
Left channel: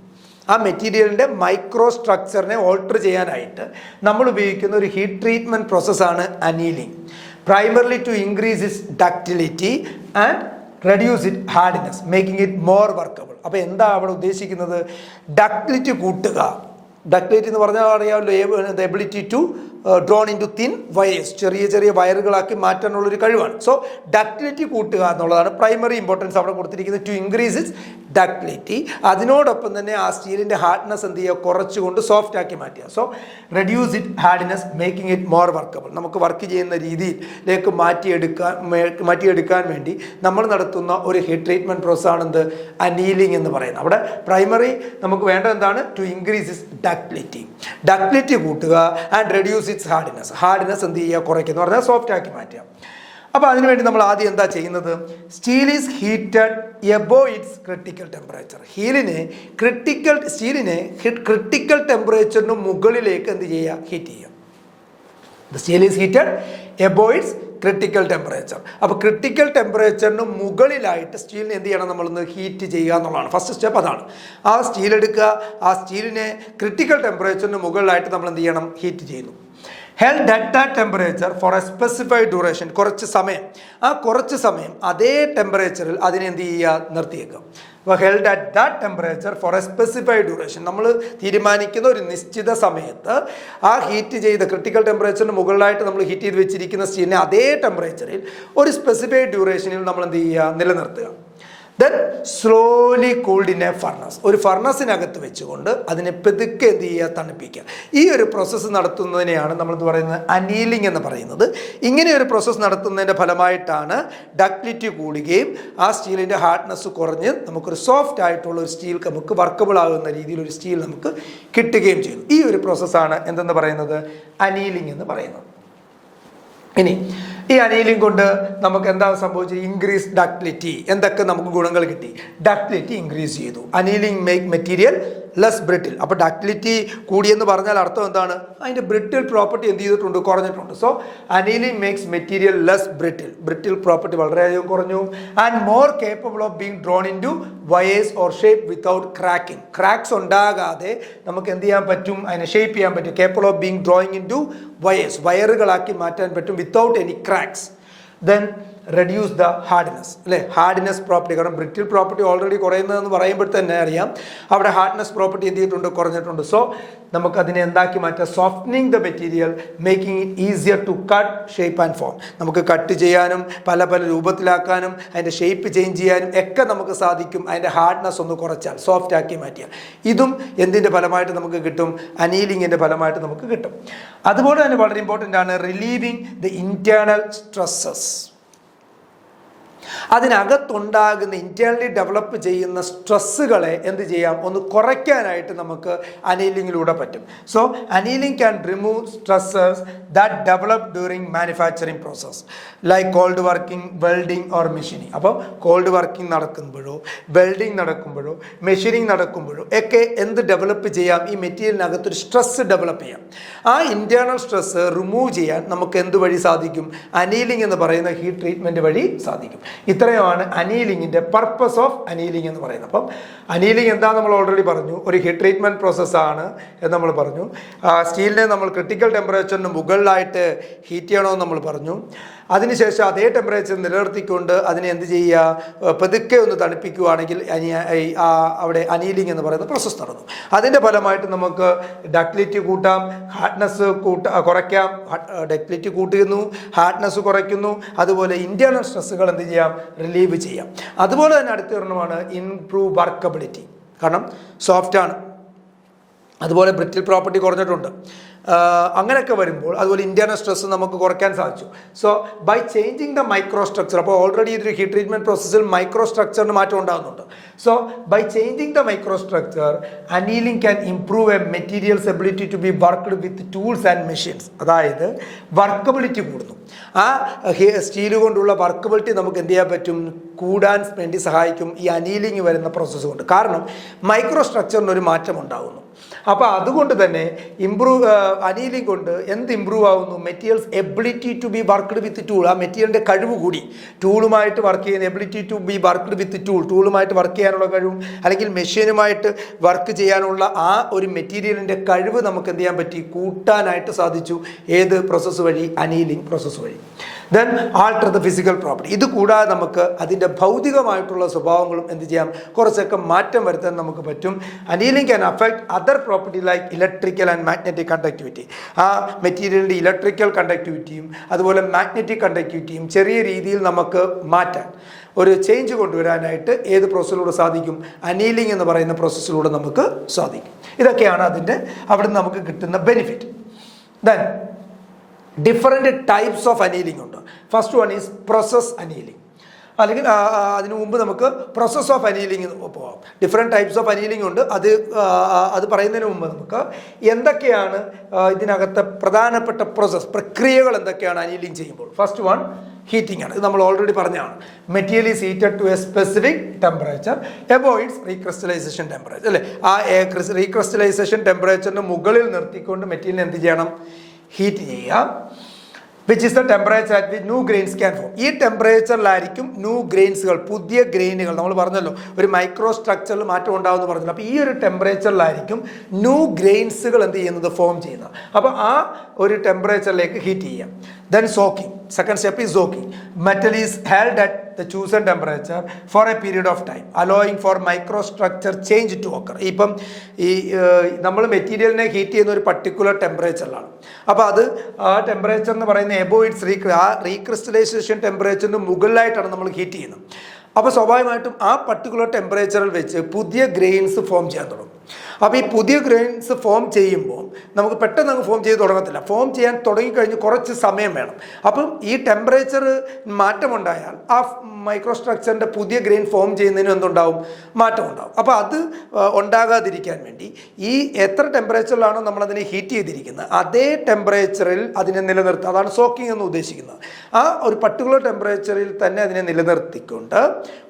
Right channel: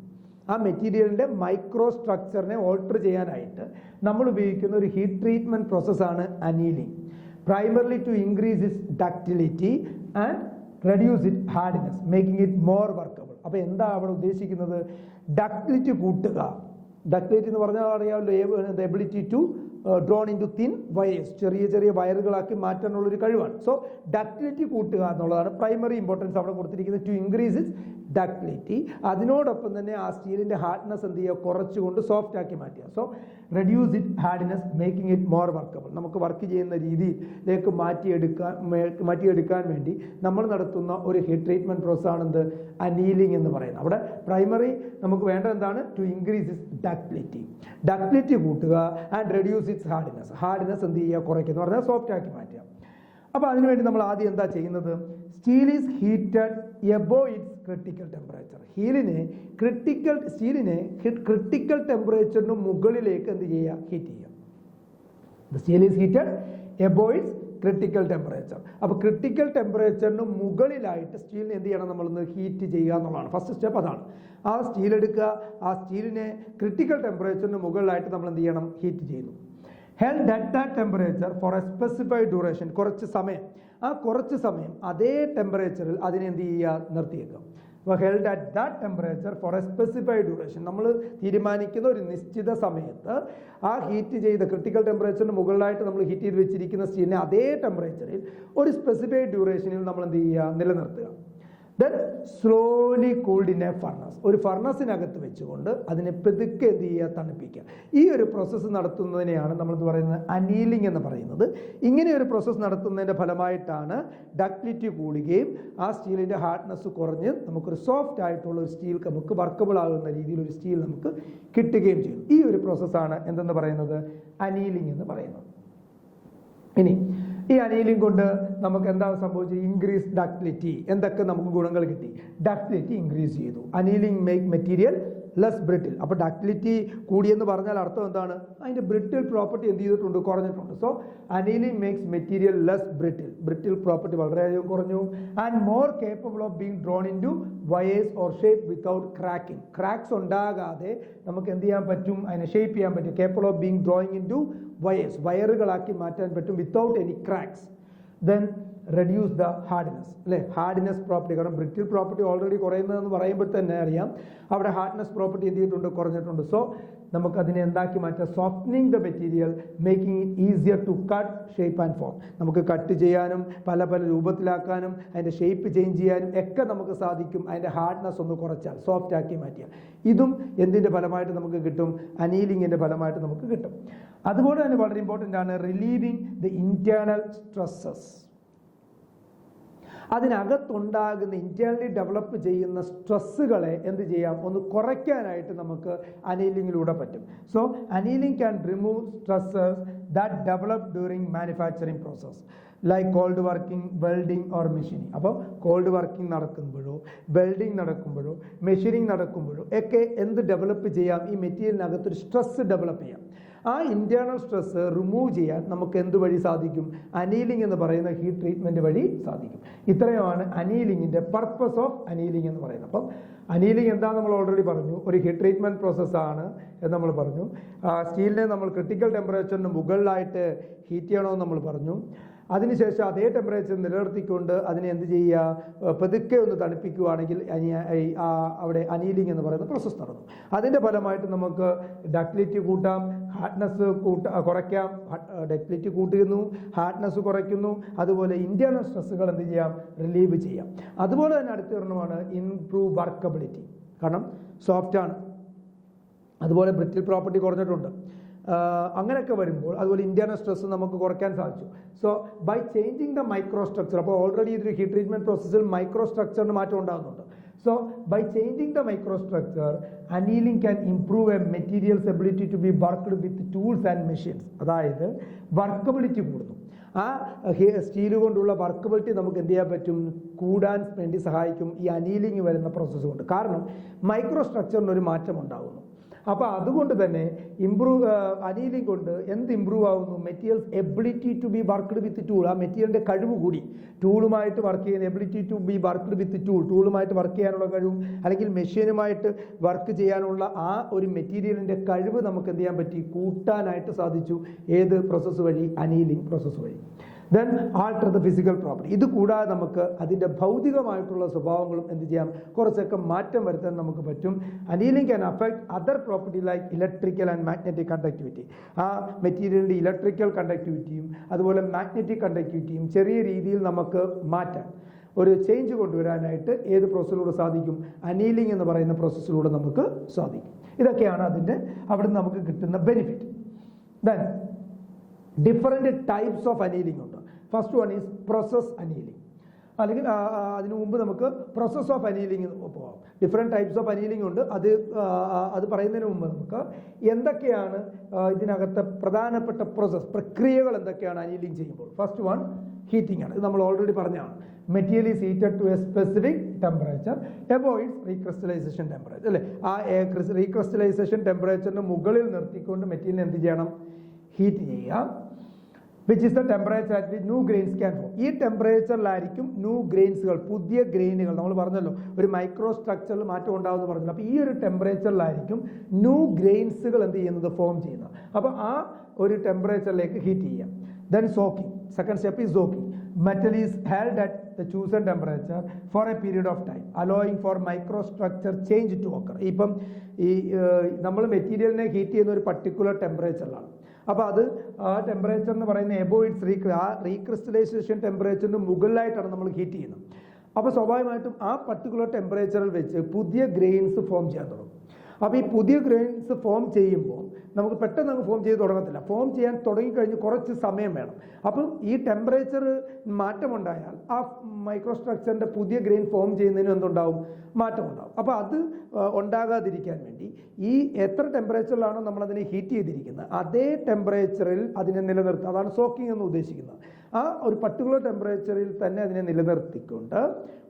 ആ മെറ്റീരിയലിൻ്റെ മൈക്രോ സ്ട്രക്ചറിനെ ഓൾട്ടർ ചെയ്യാനായിട്ട് നമ്മൾ ഉപയോഗിക്കുന്ന ഒരു ഹീറ്റ് ട്രീറ്റ്മെൻറ്റ് പ്രോസസ്സാണ് annealing. Primarily to increase its ductility and reduce it hardness, making it more workable. അപ്പോൾ എന്താ അവിടെ ഉദ്ദേശിക്കുന്നത്, ഡക്റ്റിലിറ്റി കൂട്ടുക. ഡക്റ്റിലിറ്റി എന്ന് പറഞ്ഞാൽ അറിയാമല്ലോ, the ability to drawn into thin wires, ചെറിയ ചെറിയ വയറുകളാക്കി മാറ്റാനുള്ളൊരു കഴിവാണ്. സോ ഡക്റ്റിലിറ്റി കൂട്ടുക എന്നുള്ളതാണ് പ്രൈമറി ഇമ്പോർട്ടൻസ് അവിടെ കൊടുത്തിരിക്കുന്നത്, ടു ഇൻക്രീസ് ഇറ്റ്സ് ഡക്റ്റിലിറ്റി. അതിനോടൊപ്പം തന്നെ ആ സ്റ്റീലിൻ്റെ ഹാർഡ്നെസ് എന്ത് ചെയ്യുക, കുറച്ചുകൊണ്ട് സോഫ്റ്റ് ആക്കി മാറ്റുക. So reduce it hardness, making it more workable. നമുക്ക് വർക്ക് ചെയ്യുന്ന രീതിയിലേക്ക് മാറ്റിയെടുക്കാൻ വേണ്ടി നമ്മൾ നടത്തുന്ന ഒരു ഹീറ്റ് ട്രീറ്റ്മെൻറ്റ് പ്രോസസ്സാണ് എന്ത്, അനീലിംഗ് എന്ന് പറയുന്നത്. അവിടെ പ്രൈമറി നമുക്ക് വേണ്ടത് എന്താണ്, ടു ഇൻക്രീസ് ഇറ്റ്സ് ഡക്റ്റിലിറ്റി കൂട്ടുക ആൻഡ് റെഡ്യൂസ് ഇറ്റ്സ് ഹാർഡ്നെസ് എന്ത് ചെയ്യുക, കുറയ്ക്കുക എന്ന് പറഞ്ഞാൽ സോഫ്റ്റ് ആക്കി മാറ്റുക. അപ്പോൾ അതിനുവേണ്ടി നമ്മൾ ആദ്യം എന്താ ചെയ്യുന്നത്, steel is heated above its critical temperature. സ്റ്റീലിനെ ക്രിട്ടിക്കൽ ടെമ്പറേച്ചറിന് മുകളിലേക്ക് എന്ത് ചെയ്യുക, ഹീറ്റ് ചെയ്യുക. The steel is heated above its critical temperature. അപ്പോൾ ക്രിട്ടിക്കൽ ടെമ്പറേച്ചറിന് മുകളിലായിട്ട് സ്റ്റീലിനെ എന്ത് ചെയ്യണം, നമ്മളൊന്ന് ഹീറ്റ് ചെയ്യുക എന്നുള്ളതാണ് ഫസ്റ്റ് സ്റ്റെപ്പ്. അതാണ് ആ സ്റ്റീൽ എടുക്കുക, ആ സ്റ്റീലിനെ ക്രിട്ടിക്കൽ ടെമ്പറേച്ചറിന് മുകളിലായിട്ട് നമ്മൾ എന്ത് ചെയ്യണം, ഹീറ്റ് ചെയ്യുന്നു. Held at that temperature four A specified duration, കുറച്ച് സമയം അതേ ടെമ്പറേച്ചറിൽ അതിനെ എന്ത് ചെയ്യുക, നിർത്തിയേക്കുക. അപ്പോൾ held at that temperature four A specified duration, നമ്മൾ തീരുമാനിക്കുന്ന ഒരു നിശ്ചിത സമയത്ത് ആ ഹീറ്റ് ചെയ്ത ക്രിട്ടിക്കൽ ടെമ്പറേച്ചറിന് മുകളിലായിട്ട് നമ്മൾ ഹീറ്റ് ചെയ്ത് വെച്ചിരിക്കുന്ന സ്റ്റീലിനെ അതേ ടെമ്പറേച്ചറിൽ ഒരു സ്പെസിഫൈഡ് ഡ്യൂറേഷനിൽ നമ്മൾ എന്ത് ചെയ്യുക, നിലനിർത്തുക. Then slowly cooled in A furnace, ഒരു ഫർണസിനകത്ത് വെച്ചുകൊണ്ട് അതിനെ പെതുക്കെ എന്ത് ചെയ്യുക, തണുപ്പിക്കുക. ഈ ഒരു പ്രോസസ്സ് നടത്തുന്നതിനെയാണ് നമ്മളെന്ന് പറയുന്നത് അനീലിംഗ് എന്ന് പറയുന്നത്. ഇങ്ങനെ ഒരു പ്രോസസ്സ് നടത്തുന്നതിൻ്റെ ഫലമായിട്ടാണ് ഡക്റ്റിലിറ്റി കൂടുകയും ആ സ്റ്റീലിൻ്റെ ഹാർഡ്നെസ് കുറഞ്ഞ് നമുക്കൊരു സോഫ്റ്റ് ആയിട്ടുള്ള ഒരു സ്റ്റീൽ നമുക്ക് വർക്കബിൾ ആകുന്ന രീതിയിൽ ഒരു സ്റ്റീൽ നമുക്ക് കിട്ടുകയും ചെയ്യുന്നു. ഈ ഒരു പ്രോസസ്സാണ് എന്തെന്ന് പറയുന്നത്, അനീലിംഗ് എന്ന് പറയുന്നത്. ഇനി ഈ അനീലിംഗ് കൊണ്ട് നമുക്ക് എന്താ സംഭവിച്ചത്? Increase ductility. എന്തൊക്കെ നമുക്ക് ഗുണങ്ങൾ കിട്ടി? ഡക്ടിലിറ്റി ഇൻക്രീസ് ചെയ്തു. Annealing make material less brittle. അപ്പോൾ ഡക്ടിലിറ്റി കൂടിയെന്ന് പറഞ്ഞാൽ അർത്ഥം എന്താണ്? അതിൻ്റെ ബ്രിട്ടിൽ പ്രോപ്പർട്ടി എന്ത് ചെയ്തിട്ടുണ്ട്? കുറഞ്ഞിട്ടുണ്ട്. So annealing makes material less brittle. Brittle property വളരെയധികം കുറഞ്ഞു. And more capable of being drone in to wires or shape without cracking. Cracks ഉണ്ടാകാതെ നമുക്ക് എന്ത് ചെയ്യാൻ പറ്റും? അതിനെ ഷേപ്പ് ചെയ്യാൻ പറ്റും. Capable of being drawing in to wires, വയറുകളാക്കി മാറ്റാൻ പറ്റും without any cracks. Then reduce the hardness, അല്ലേ? Hardness property. കാരണം ബ്രിട്ടിൽ പ്രോപ്പർട്ടി ഓൾറെഡി കുറയുന്നതെന്ന് പറയുമ്പോൾ തന്നെ അറിയാം അവിടെ ഹാർഡ്നെസ് പ്രോപ്പർട്ടി എന്ത് ചെയ്തിട്ടുണ്ട്? കുറഞ്ഞിട്ടുണ്ട്. സോ നമുക്കതിനെ എന്താക്കി മാറ്റാം? Softening the material, making it easier to cut, shape and form. നമുക്ക് കട്ട് ചെയ്യാനും പല പല രൂപത്തിലാക്കാനും അതിൻ്റെ ഷേപ്പ് ചേഞ്ച് ചെയ്യാനും ഒക്കെ നമുക്ക് സാധിക്കും. അതിൻ്റെ ഹാർഡ്നെസ് ഒന്ന് കുറച്ചാൽ, സോഫ്റ്റ് ആക്കി മാറ്റിയാൽ. ഇതും എന്തിൻ്റെ ഫലമായിട്ട് നമുക്ക് കിട്ടും? അനീലിങ്ങിൻ്റെ ഫലമായിട്ട് നമുക്ക് കിട്ടും. അതുപോലെ തന്നെ വളരെ ഇമ്പോർട്ടൻ്റ് ആണ് റിലീവിങ് ദ ഇൻറ്റേർണൽ സ്ട്രെസ്സസ്. അതിനകത്തുണ്ടാകുന്ന ഇൻറ്റേർണലി ഡെവലപ്പ് ചെയ്യുന്ന സ്ട്രെസ്സുകളെ എന്ത് ചെയ്യാം? ഒന്ന് കുറയ്ക്കാനായിട്ട് നമുക്ക് അനീലിങ്ങിലൂടെ പറ്റും. So annealing can remove stresses that develop during manufacturing process like cold working, welding or machining. അപ്പം കോൾഡ് വർക്കിംഗ് നടക്കുമ്പോഴോ വെൽഡിങ് നടക്കുമ്പോഴോ മെഷീനിങ് നടക്കുമ്പോഴോ ഒക്കെ എന്ത് ഡെവലപ്പ് ചെയ്യാം? ഈ മെറ്റീരിയലിനകത്തൊരു സ്ട്രെസ് ഡെവലപ്പ് ചെയ്യാം. ആ ഇൻറ്റേർണൽ സ്ട്രെസ് റിമൂവ് ചെയ്യാൻ നമുക്ക് എന്ത് വഴി സാധിക്കും? അനീലിംഗ് എന്ന് പറയുന്ന ഹീറ്റ് ട്രീറ്റ്മെൻറ്റ് വഴി സാധിക്കും. ഇത്രയുമാണ് അനീലിങ്ങിൻ്റെ പർപ്പസ് ഓഫ് അനീലിംഗ് എന്ന് പറയുന്നത്. അപ്പം അനീലിംഗ് എന്താ നമ്മൾ ഓൾറെഡി പറഞ്ഞു, ഒരു ഹീറ്റ് ട്രീറ്റ്മെൻറ്റ് പ്രോസസ്സാണ് എന്ന് നമ്മൾ പറഞ്ഞു. സ്റ്റീലിനെ നമ്മൾ ക്രിട്ടിക്കൽ ടെമ്പറേച്ചറിന് മുകളിലായിട്ട് ഹീറ്റ് ചെയ്യണമെന്ന് നമ്മൾ പറഞ്ഞു. അതിനുശേഷം അതേ ടെമ്പറേച്ചർ നിലനിർത്തിക്കൊണ്ട് അതിനെ എന്ത് ചെയ്യുക? പതുക്കെ ഒന്ന് തണുപ്പിക്കുകയാണെങ്കിൽ അവിടെ അനീലിംഗ് എന്ന് പറയുന്ന പ്രോസസ്സ് നടന്നു. അതിൻ്റെ ഫലമായിട്ട് നമുക്ക് ഡക്ടിലിറ്റി കൂട്ടാം, ഹാർഡ്നെസ് കുറയ്ക്കാം. ഡക്ടിലിറ്റി കൂട്ടുന്നു, ഹാർഡ്നെസ് കുറയ്ക്കുന്നു. അതുപോലെ ഇൻറ്റേർണൽ സ്ട്രെസ്സുകൾ എന്ത് ചെയ്യാം? റിലീവ് ചെയ്യാം. അതുപോലെ തന്നെ അടുത്ത ഒരെണ്ണമാണ് ഇംപ്രൂവ് വർക്കബിലിറ്റി. കാരണം സോഫ്റ്റാണ്, അതുപോലെ ബ്രിറ്റിൽ പ്രോപ്പർട്ടി കുറഞ്ഞിട്ടുണ്ട്. അങ്ങനെയൊക്കെ വരുമ്പോൾ അതുപോലെ ഇൻറ്റേർണൽ സ്ട്രെസ് നമുക്ക് കുറയ്ക്കാൻ സാധിച്ചു. So by changing the micro structure, അപ്പോൾ ഓൾറെഡി ഇതൊരു ഹീറ്റ് ട്രീറ്റ്മെൻറ്റ് പ്രോസസ്സിൽ മൈക്രോ സ്ട്രക്ചറിന് മാറ്റം ഉണ്ടാകുന്നുണ്ട്. So by changing the micro structure annealing can improve a material's ability to be worked with tools and machines. അതായത് വർക്കബിലിറ്റി കൂടുന്നു. ആ സ്റ്റീൽ കൊണ്ടുള്ള വർക്കബിലിറ്റി നമുക്ക് എന്ത് ചെയ്യാൻ പറ്റും? കൂടാൻ വേണ്ടി സഹായിക്കും ഈ അനീലിംഗ് വരുന്ന പ്രോസസ്സ് കൊണ്ട്. കാരണം മൈക്രോ സ്ട്രക്ചറിനൊരു മാറ്റം ഉണ്ടാകുന്നു. അപ്പോൾ അതുകൊണ്ട് തന്നെ അനീലിംഗ് കൊണ്ട് എന്ത് ഇമ്പ്രൂവ് ആവുന്നു? Material's ability to be worked with tool. ആ മെറ്റീരിയലിൻ്റെ കഴിവ് കൂടി. ടൂളുമായിട്ട് വർക്ക് ചെയ്യുന്ന ability to be worked with tool, ടൂളുമായിട്ട് വർക്ക് ചെയ്യാനുള്ള കഴിവും അല്ലെങ്കിൽ മെഷീനുമായിട്ട് വർക്ക് ചെയ്യാനുള്ള ആ ഒരു മെറ്റീരിയലിൻ്റെ കഴിവ് നമുക്ക് എന്ത് ചെയ്യാൻ പറ്റി? കൂട്ടാനായിട്ട് സാധിച്ചു. ഏത് പ്രോസസ്സ് വഴി? അനീലിംഗ് പ്രോസസ്സ് വഴി. Then alter the physical property. ഇത് കൂടാതെ നമുക്ക് അതിൻ്റെ ഭൗതികമായിട്ടുള്ള സ്വഭാവങ്ങളും എന്ത് ചെയ്യാം? കുറച്ചൊക്കെ മാറ്റം വരുത്താൻ നമുക്ക് പറ്റും. Annealing can affect other property like electrical and magnetic conductivity. ആ മെറ്റീരിയലിൻ്റെ ഇലക്ട്രിക്കൽ കണ്ടക്ടിവിറ്റിയും അതുപോലെ മാഗ്നറ്റിക് കണ്ടക്ടിവിറ്റിയും ചെറിയ രീതിയിൽ നമുക്ക് മാറ്റാൻ, ഒരു ചേഞ്ച് കൊണ്ടുവരാനായിട്ട് ഏത് പ്രോസസ്സിലൂടെ സാധിക്കും? അനീലിംഗ് എന്ന് പറയുന്ന പ്രോസസ്സിലൂടെ നമുക്ക് സാധിക്കും. ഇതൊക്കെയാണ് അതിൻ്റെ അവിടുന്ന് നമുക്ക് കിട്ടുന്ന benefit. Then different types of annealing ഉണ്ട്. First one is process annealing. അല്ലെങ്കിൽ അതിനു മുമ്പ് നമുക്ക് പ്രോസസ് ഓഫ് അനീലിംഗ് പോകാം. ഡിഫറെൻറ്റ് ടൈപ്സ് ഓഫ് അനീലിംഗ് ഉണ്ട്. അത് പറയുന്നതിന് മുമ്പ് നമുക്ക് എന്തൊക്കെയാണ് ഇതിനകത്ത് പ്രധാനപ്പെട്ട പ്രക്രിയകൾ എന്തൊക്കെയാണ് അനീലിംഗ് ചെയ്യുമ്പോൾ? ഫസ്റ്റ് വൺ ഹീറ്റിംഗ് ആണ്. ഇത് നമ്മൾ ഓൾറെഡി പറഞ്ഞതാണ്. Material is heated to a specific temperature above its recrystallisation temperature, അല്ലേ? ആ റീക്രിസ്റ്റലൈസേഷൻ ടെമ്പറേച്ചറിന് മുകളിൽ നിർത്തിക്കൊണ്ട് മെറ്റീരിയൽ എന്ത് ചെയ്യണം? ഹീറ്റ് ചെയ്യുക. Which is the temperature at which new grains can form. ഈ ടെമ്പറേച്ചറിലായിരിക്കും ന്യൂ ഗ്രെയിൻസുകൾ, പുതിയ ഗ്രെയിനുകൾ, നമ്മൾ പറഞ്ഞല്ലോ ഒരു മൈക്രോ സ്ട്രക്ചറിൽ മാറ്റം ഉണ്ടാകുമെന്ന് പറഞ്ഞല്ലോ. അപ്പോൾ ഈ ഒരു ടെമ്പറേച്ചറിലായിരിക്കും ന്യൂ ഗ്രെയിൻസുകൾ എന്ത് ചെയ്യുന്നത്? ഫോം ചെയ്യുന്നത്. അപ്പോൾ ആ ഒരു ടെമ്പറേച്ചറിലേക്ക് ഹീറ്റ് ചെയ്യാം. Then soaking. Second step is soaking. Metal is held at the chosen temperature for a period of time allowing for microstructure change to occur. ഇപ്പം നമ്മൾ മെറ്റീരിയലിനെ ഹീറ്റ് ചെയ്യുന്ന ഒരു പർട്ടിക്കുലർ ടെമ്പറേച്ചറിലാണ്. അപ്പോൾ അത് ആ ടെമ്പറേച്ചർ എന്ന് പറയുന്ന എബോവ് ഇറ്റ്സ് ആ റീക്രിസ്റ്റലൈസേഷൻ ടെമ്പറേച്ചറിന് മുകളിലായിട്ടാണ് നമ്മൾ ഹീറ്റ് ചെയ്യുന്നത്. അപ്പോൾ സ്വാഭാവികമായിട്ടും ആ പർട്ടിക്കുലർ ടെമ്പറേച്ചറിൽ വെച്ച് പുതിയ ഗ്രെയിൻസ് ഫോം ചെയ്യാൻ തുടങ്ങും. അപ്പോൾ ഈ പുതിയ ഗ്രെയിൻസ് ഫോം ചെയ്യുമ്പോൾ നമുക്ക് പെട്ടെന്ന് അങ്ങ് ഫോം ചെയ്ത് തുടങ്ങത്തില്ല. ഫോം ചെയ്യാൻ തുടങ്ങിക്കഴിഞ്ഞ് കുറച്ച് സമയം വേണം. അപ്പം ഈ ടെമ്പറേച്ചർ മാറ്റമുണ്ടായാൽ ആ മൈക്രോ സ്ട്രക്ചറിൻ്റെ പുതിയ ഗ്രെയിൻ ഫോം ചെയ്യുന്നതിനും എന്തുണ്ടാവും, മാറ്റം ഉണ്ടാവും. അപ്പോൾ അത് ഉണ്ടാകാതിരിക്കാൻ വേണ്ടി ഈ എത്ര ടെമ്പറേച്ചറിലാണോ നമ്മളതിനെ ഹീറ്റ് ചെയ്തിരിക്കുന്നത് അതേ ടെമ്പറേച്ചറിൽ അതിനെ നിലനിർത്തുക. അതാണ് സോക്കിംഗ് എന്ന് ഉദ്ദേശിക്കുന്നത്. ആ ഒരു പർട്ടിക്കുലർ ടെമ്പറേച്ചറിൽ തന്നെ അതിനെ നിലനിർത്തിക്കൊണ്ട്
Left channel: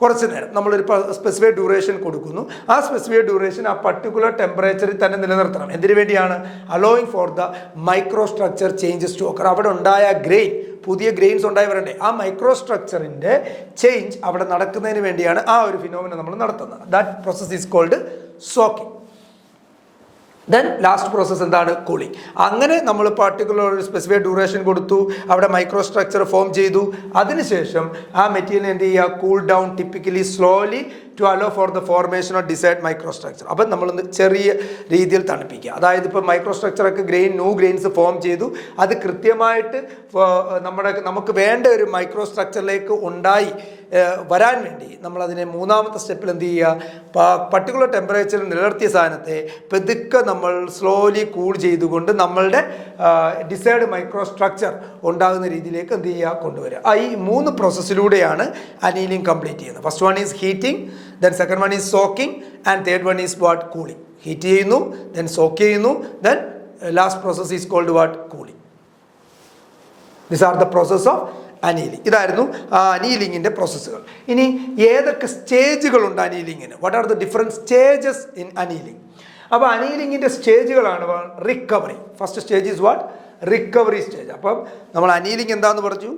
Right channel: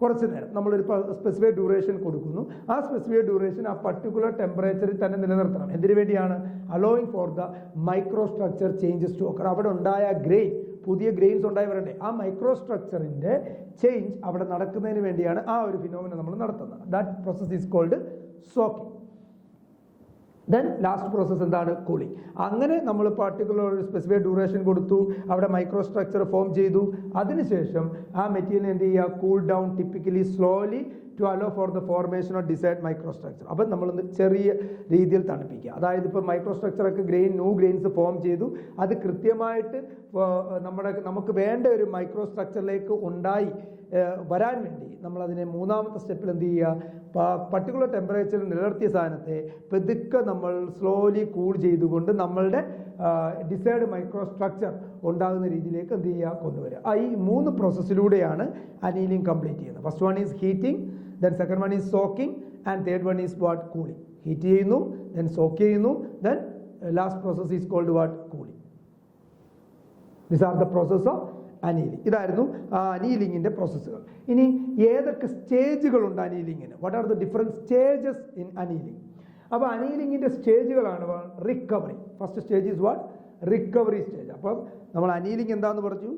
കുറച്ച് നേരം നമ്മളൊരു സ്പെസിഫൈഡ് ഡ്യൂറേഷൻ കൊടുക്കുന്നു. ആ സ്പെസിഫൈഡ് ഡ്യൂറേഷൻ ആ പർട്ടിക്കുലർ ടെമ്പറേച്ചറിൽ തന്നെ നിലനിർത്തണം. എന്തിനു വേണ്ടിയാണ്? Allowing for the micro structure changes to occur. അവിടെ ഉണ്ടായ ഗ്രെയിൻ, പുതിയ ഗ്രെയിൻസ് ഉണ്ടായി വരണ്ടേ, ആ മൈക്രോ സ്ട്രക്ചറിൻ്റെ ചേഞ്ച് അവിടെ നടക്കുന്നതിന് വേണ്ടിയാണ് ആ ഒരു ഫിനോമിന നമ്മൾ നടത്തുന്നത്. That process is called soaking. Then last process എന്താണ്? കൂളിംഗ്. അങ്ങനെ നമ്മൾ പർട്ടിക്കുലർ ഒരു സ്പെസിഫൈഡ് ഡ്യൂറേഷൻ കൊടുത്തു, അവിടെ മൈക്രോ സ്ട്രക്ചർ ഫോം ചെയ്തു. അതിനുശേഷം ആ മെറ്റീരിയൽ എന്ത് ചെയ്യുക? Cool down, typically slowly to allow for the formation of desired micro structure. അപ്പം നമ്മളൊന്ന് ചെറിയ രീതിയിൽ തണുപ്പിക്കുക. അതായത് ഇപ്പോൾ മൈക്രോ സ്ട്രക്ചറൊക്കെ ന്യൂ ഗ്രെയിൻസ് ഫോം ചെയ്തു. അത് കൃത്യമായിട്ട് നമുക്ക് വേണ്ട ഒരു മൈക്രോ സ്ട്രക്ചറിലേക്ക് വരാൻ വേണ്ടി നമ്മളതിനെ മൂന്നാമത്തെ സ്റ്റെപ്പിൽ എന്ത് ചെയ്യുക? പർട്ടിക്കുലർ ടെമ്പറേച്ചറിൽ നിലനിർത്തിയ സാധനത്തെ പെതുക്കെ നമ്മൾ സ്ലോലി കൂൾ ചെയ്തുകൊണ്ട് നമ്മളുടെ ഡിസൈഡ് മൈക്രോ സ്ട്രക്ചർ ഉണ്ടാകുന്ന രീതിയിലേക്ക് എന്ത് ചെയ്യുക? കൊണ്ടുവരിക. ഈ 3 പ്രോസസ്സിലൂടെയാണ് അനീലിംഗ് കംപ്ലീറ്റ് ചെയ്യുന്നത്. First one is heating, then second one is soaking, and third one is what? Cooling. Heat ചെയ്യുന്നു, ദെൻ സോക്ക് ചെയ്യുന്നു, then last process is called what? Cooling. This are the process of annealing. ഇതായിരുന്നു അനീലിങ്ങിൻ്റെ പ്രോസസ്സുകൾ. ഇനി ഏതൊക്കെ സ്റ്റേജുകളുണ്ട് അനീലിങ്ങിന്? What are the different stages in annealing? അപ്പോൾ അനീലിങ്ങിൻ്റെ സ്റ്റേജുകളാണ് recovery. First stage is what? Recovery stage. അപ്പം നമ്മൾ അനീലിംഗ് എന്താണെന്ന് പറഞ്ഞു,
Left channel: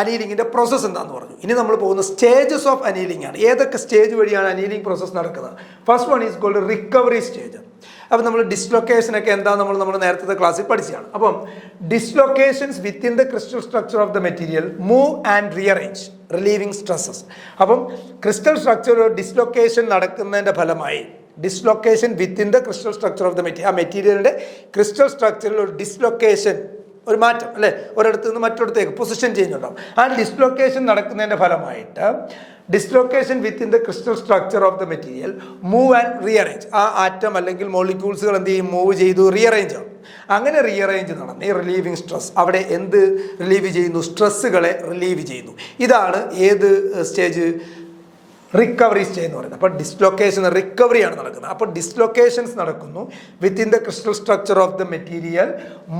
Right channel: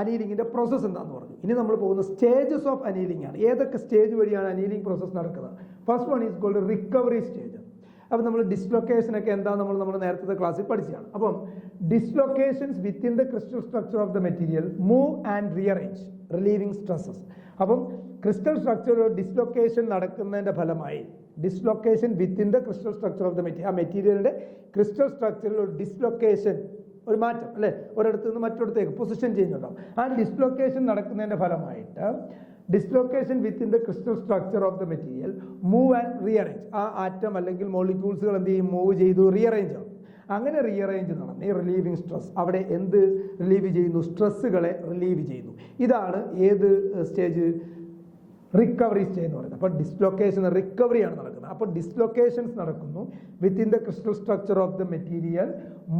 അനീലിങ്ങിൻ്റെ പ്രോസസ്സ് എന്താണെന്ന് പറഞ്ഞു. ഇനി നമ്മൾ പോകുന്ന സ്റ്റേജസ് ഓഫ് അനീലിംഗ് ആണ്. ഏതൊക്കെ സ്റ്റേജ് വഴിയാണ് അനീലിംഗ് പ്രോസസ്സ് നടക്കുന്നത്? First one is called recovery stage. അപ്പം നമ്മൾ ഡിസ്ലൊക്കേഷനൊക്കെ എന്താ നമ്മൾ നേരത്തെ ക്ലാസ്സിൽ പഠിച്ചതാണ്. അപ്പം dislocations within the crystal structure of the material move and rearrange relieving stresses. അപ്പം ക്രിസ്റ്റൽ സ്ട്രക്ചർ ഡിസ്ലൊക്കേഷൻ നടക്കുന്നതിൻ്റെ ഫലമായി, dislocation within the crystal structure of the material, ആ മെറ്റീരിയലിൻ്റെ ക്രിസ്റ്റൽ സ്ട്രക്ചറിൽ ഒരു ഡിസ്ലൊക്കേഷൻ, ഒരു മാറ്റം അല്ലേ, ഒരിടത്ത് നിന്ന് മറ്റൊരിടത്തേക്ക് പൊസിഷൻ ചേഞ്ച് ഉണ്ടാവും. ആ ഡിസ്ലൊക്കേഷൻ നടക്കുന്നതിൻ്റെ ഫലമായിട്ട് dislocation within the crystal structure of the material move and rearrange. ആ ആറ്റം അല്ലെങ്കിൽ മോളിക്യൂൾസുകൾ എന്ത് ചെയ്യും? മൂവ് ചെയ്തു, റീഅറേഞ്ച് ആവും. അങ്ങനെ റീഅറേഞ്ച് നടന്ന് ഈ റിലീവിങ് സ്ട്രെസ്, അവിടെ എന്ത് റിലീവ് ചെയ്യുന്നു? സ്ട്രെസ്സുകളെ റിലീവ് ചെയ്യുന്നു. ഇതാണ് ഏത് സ്റ്റേജ്? റിക്കവറി സ്റ്റേജ് എന്ന് പറയുന്നത്. അപ്പോൾ ഡിസ്ലൊക്കേഷൻ, റിക്കവറിയാണ് നടക്കുന്നത്. അപ്പോൾ ഡിസ്ലൊക്കേഷൻസ് നടക്കുന്നു within the crystal structure of the material,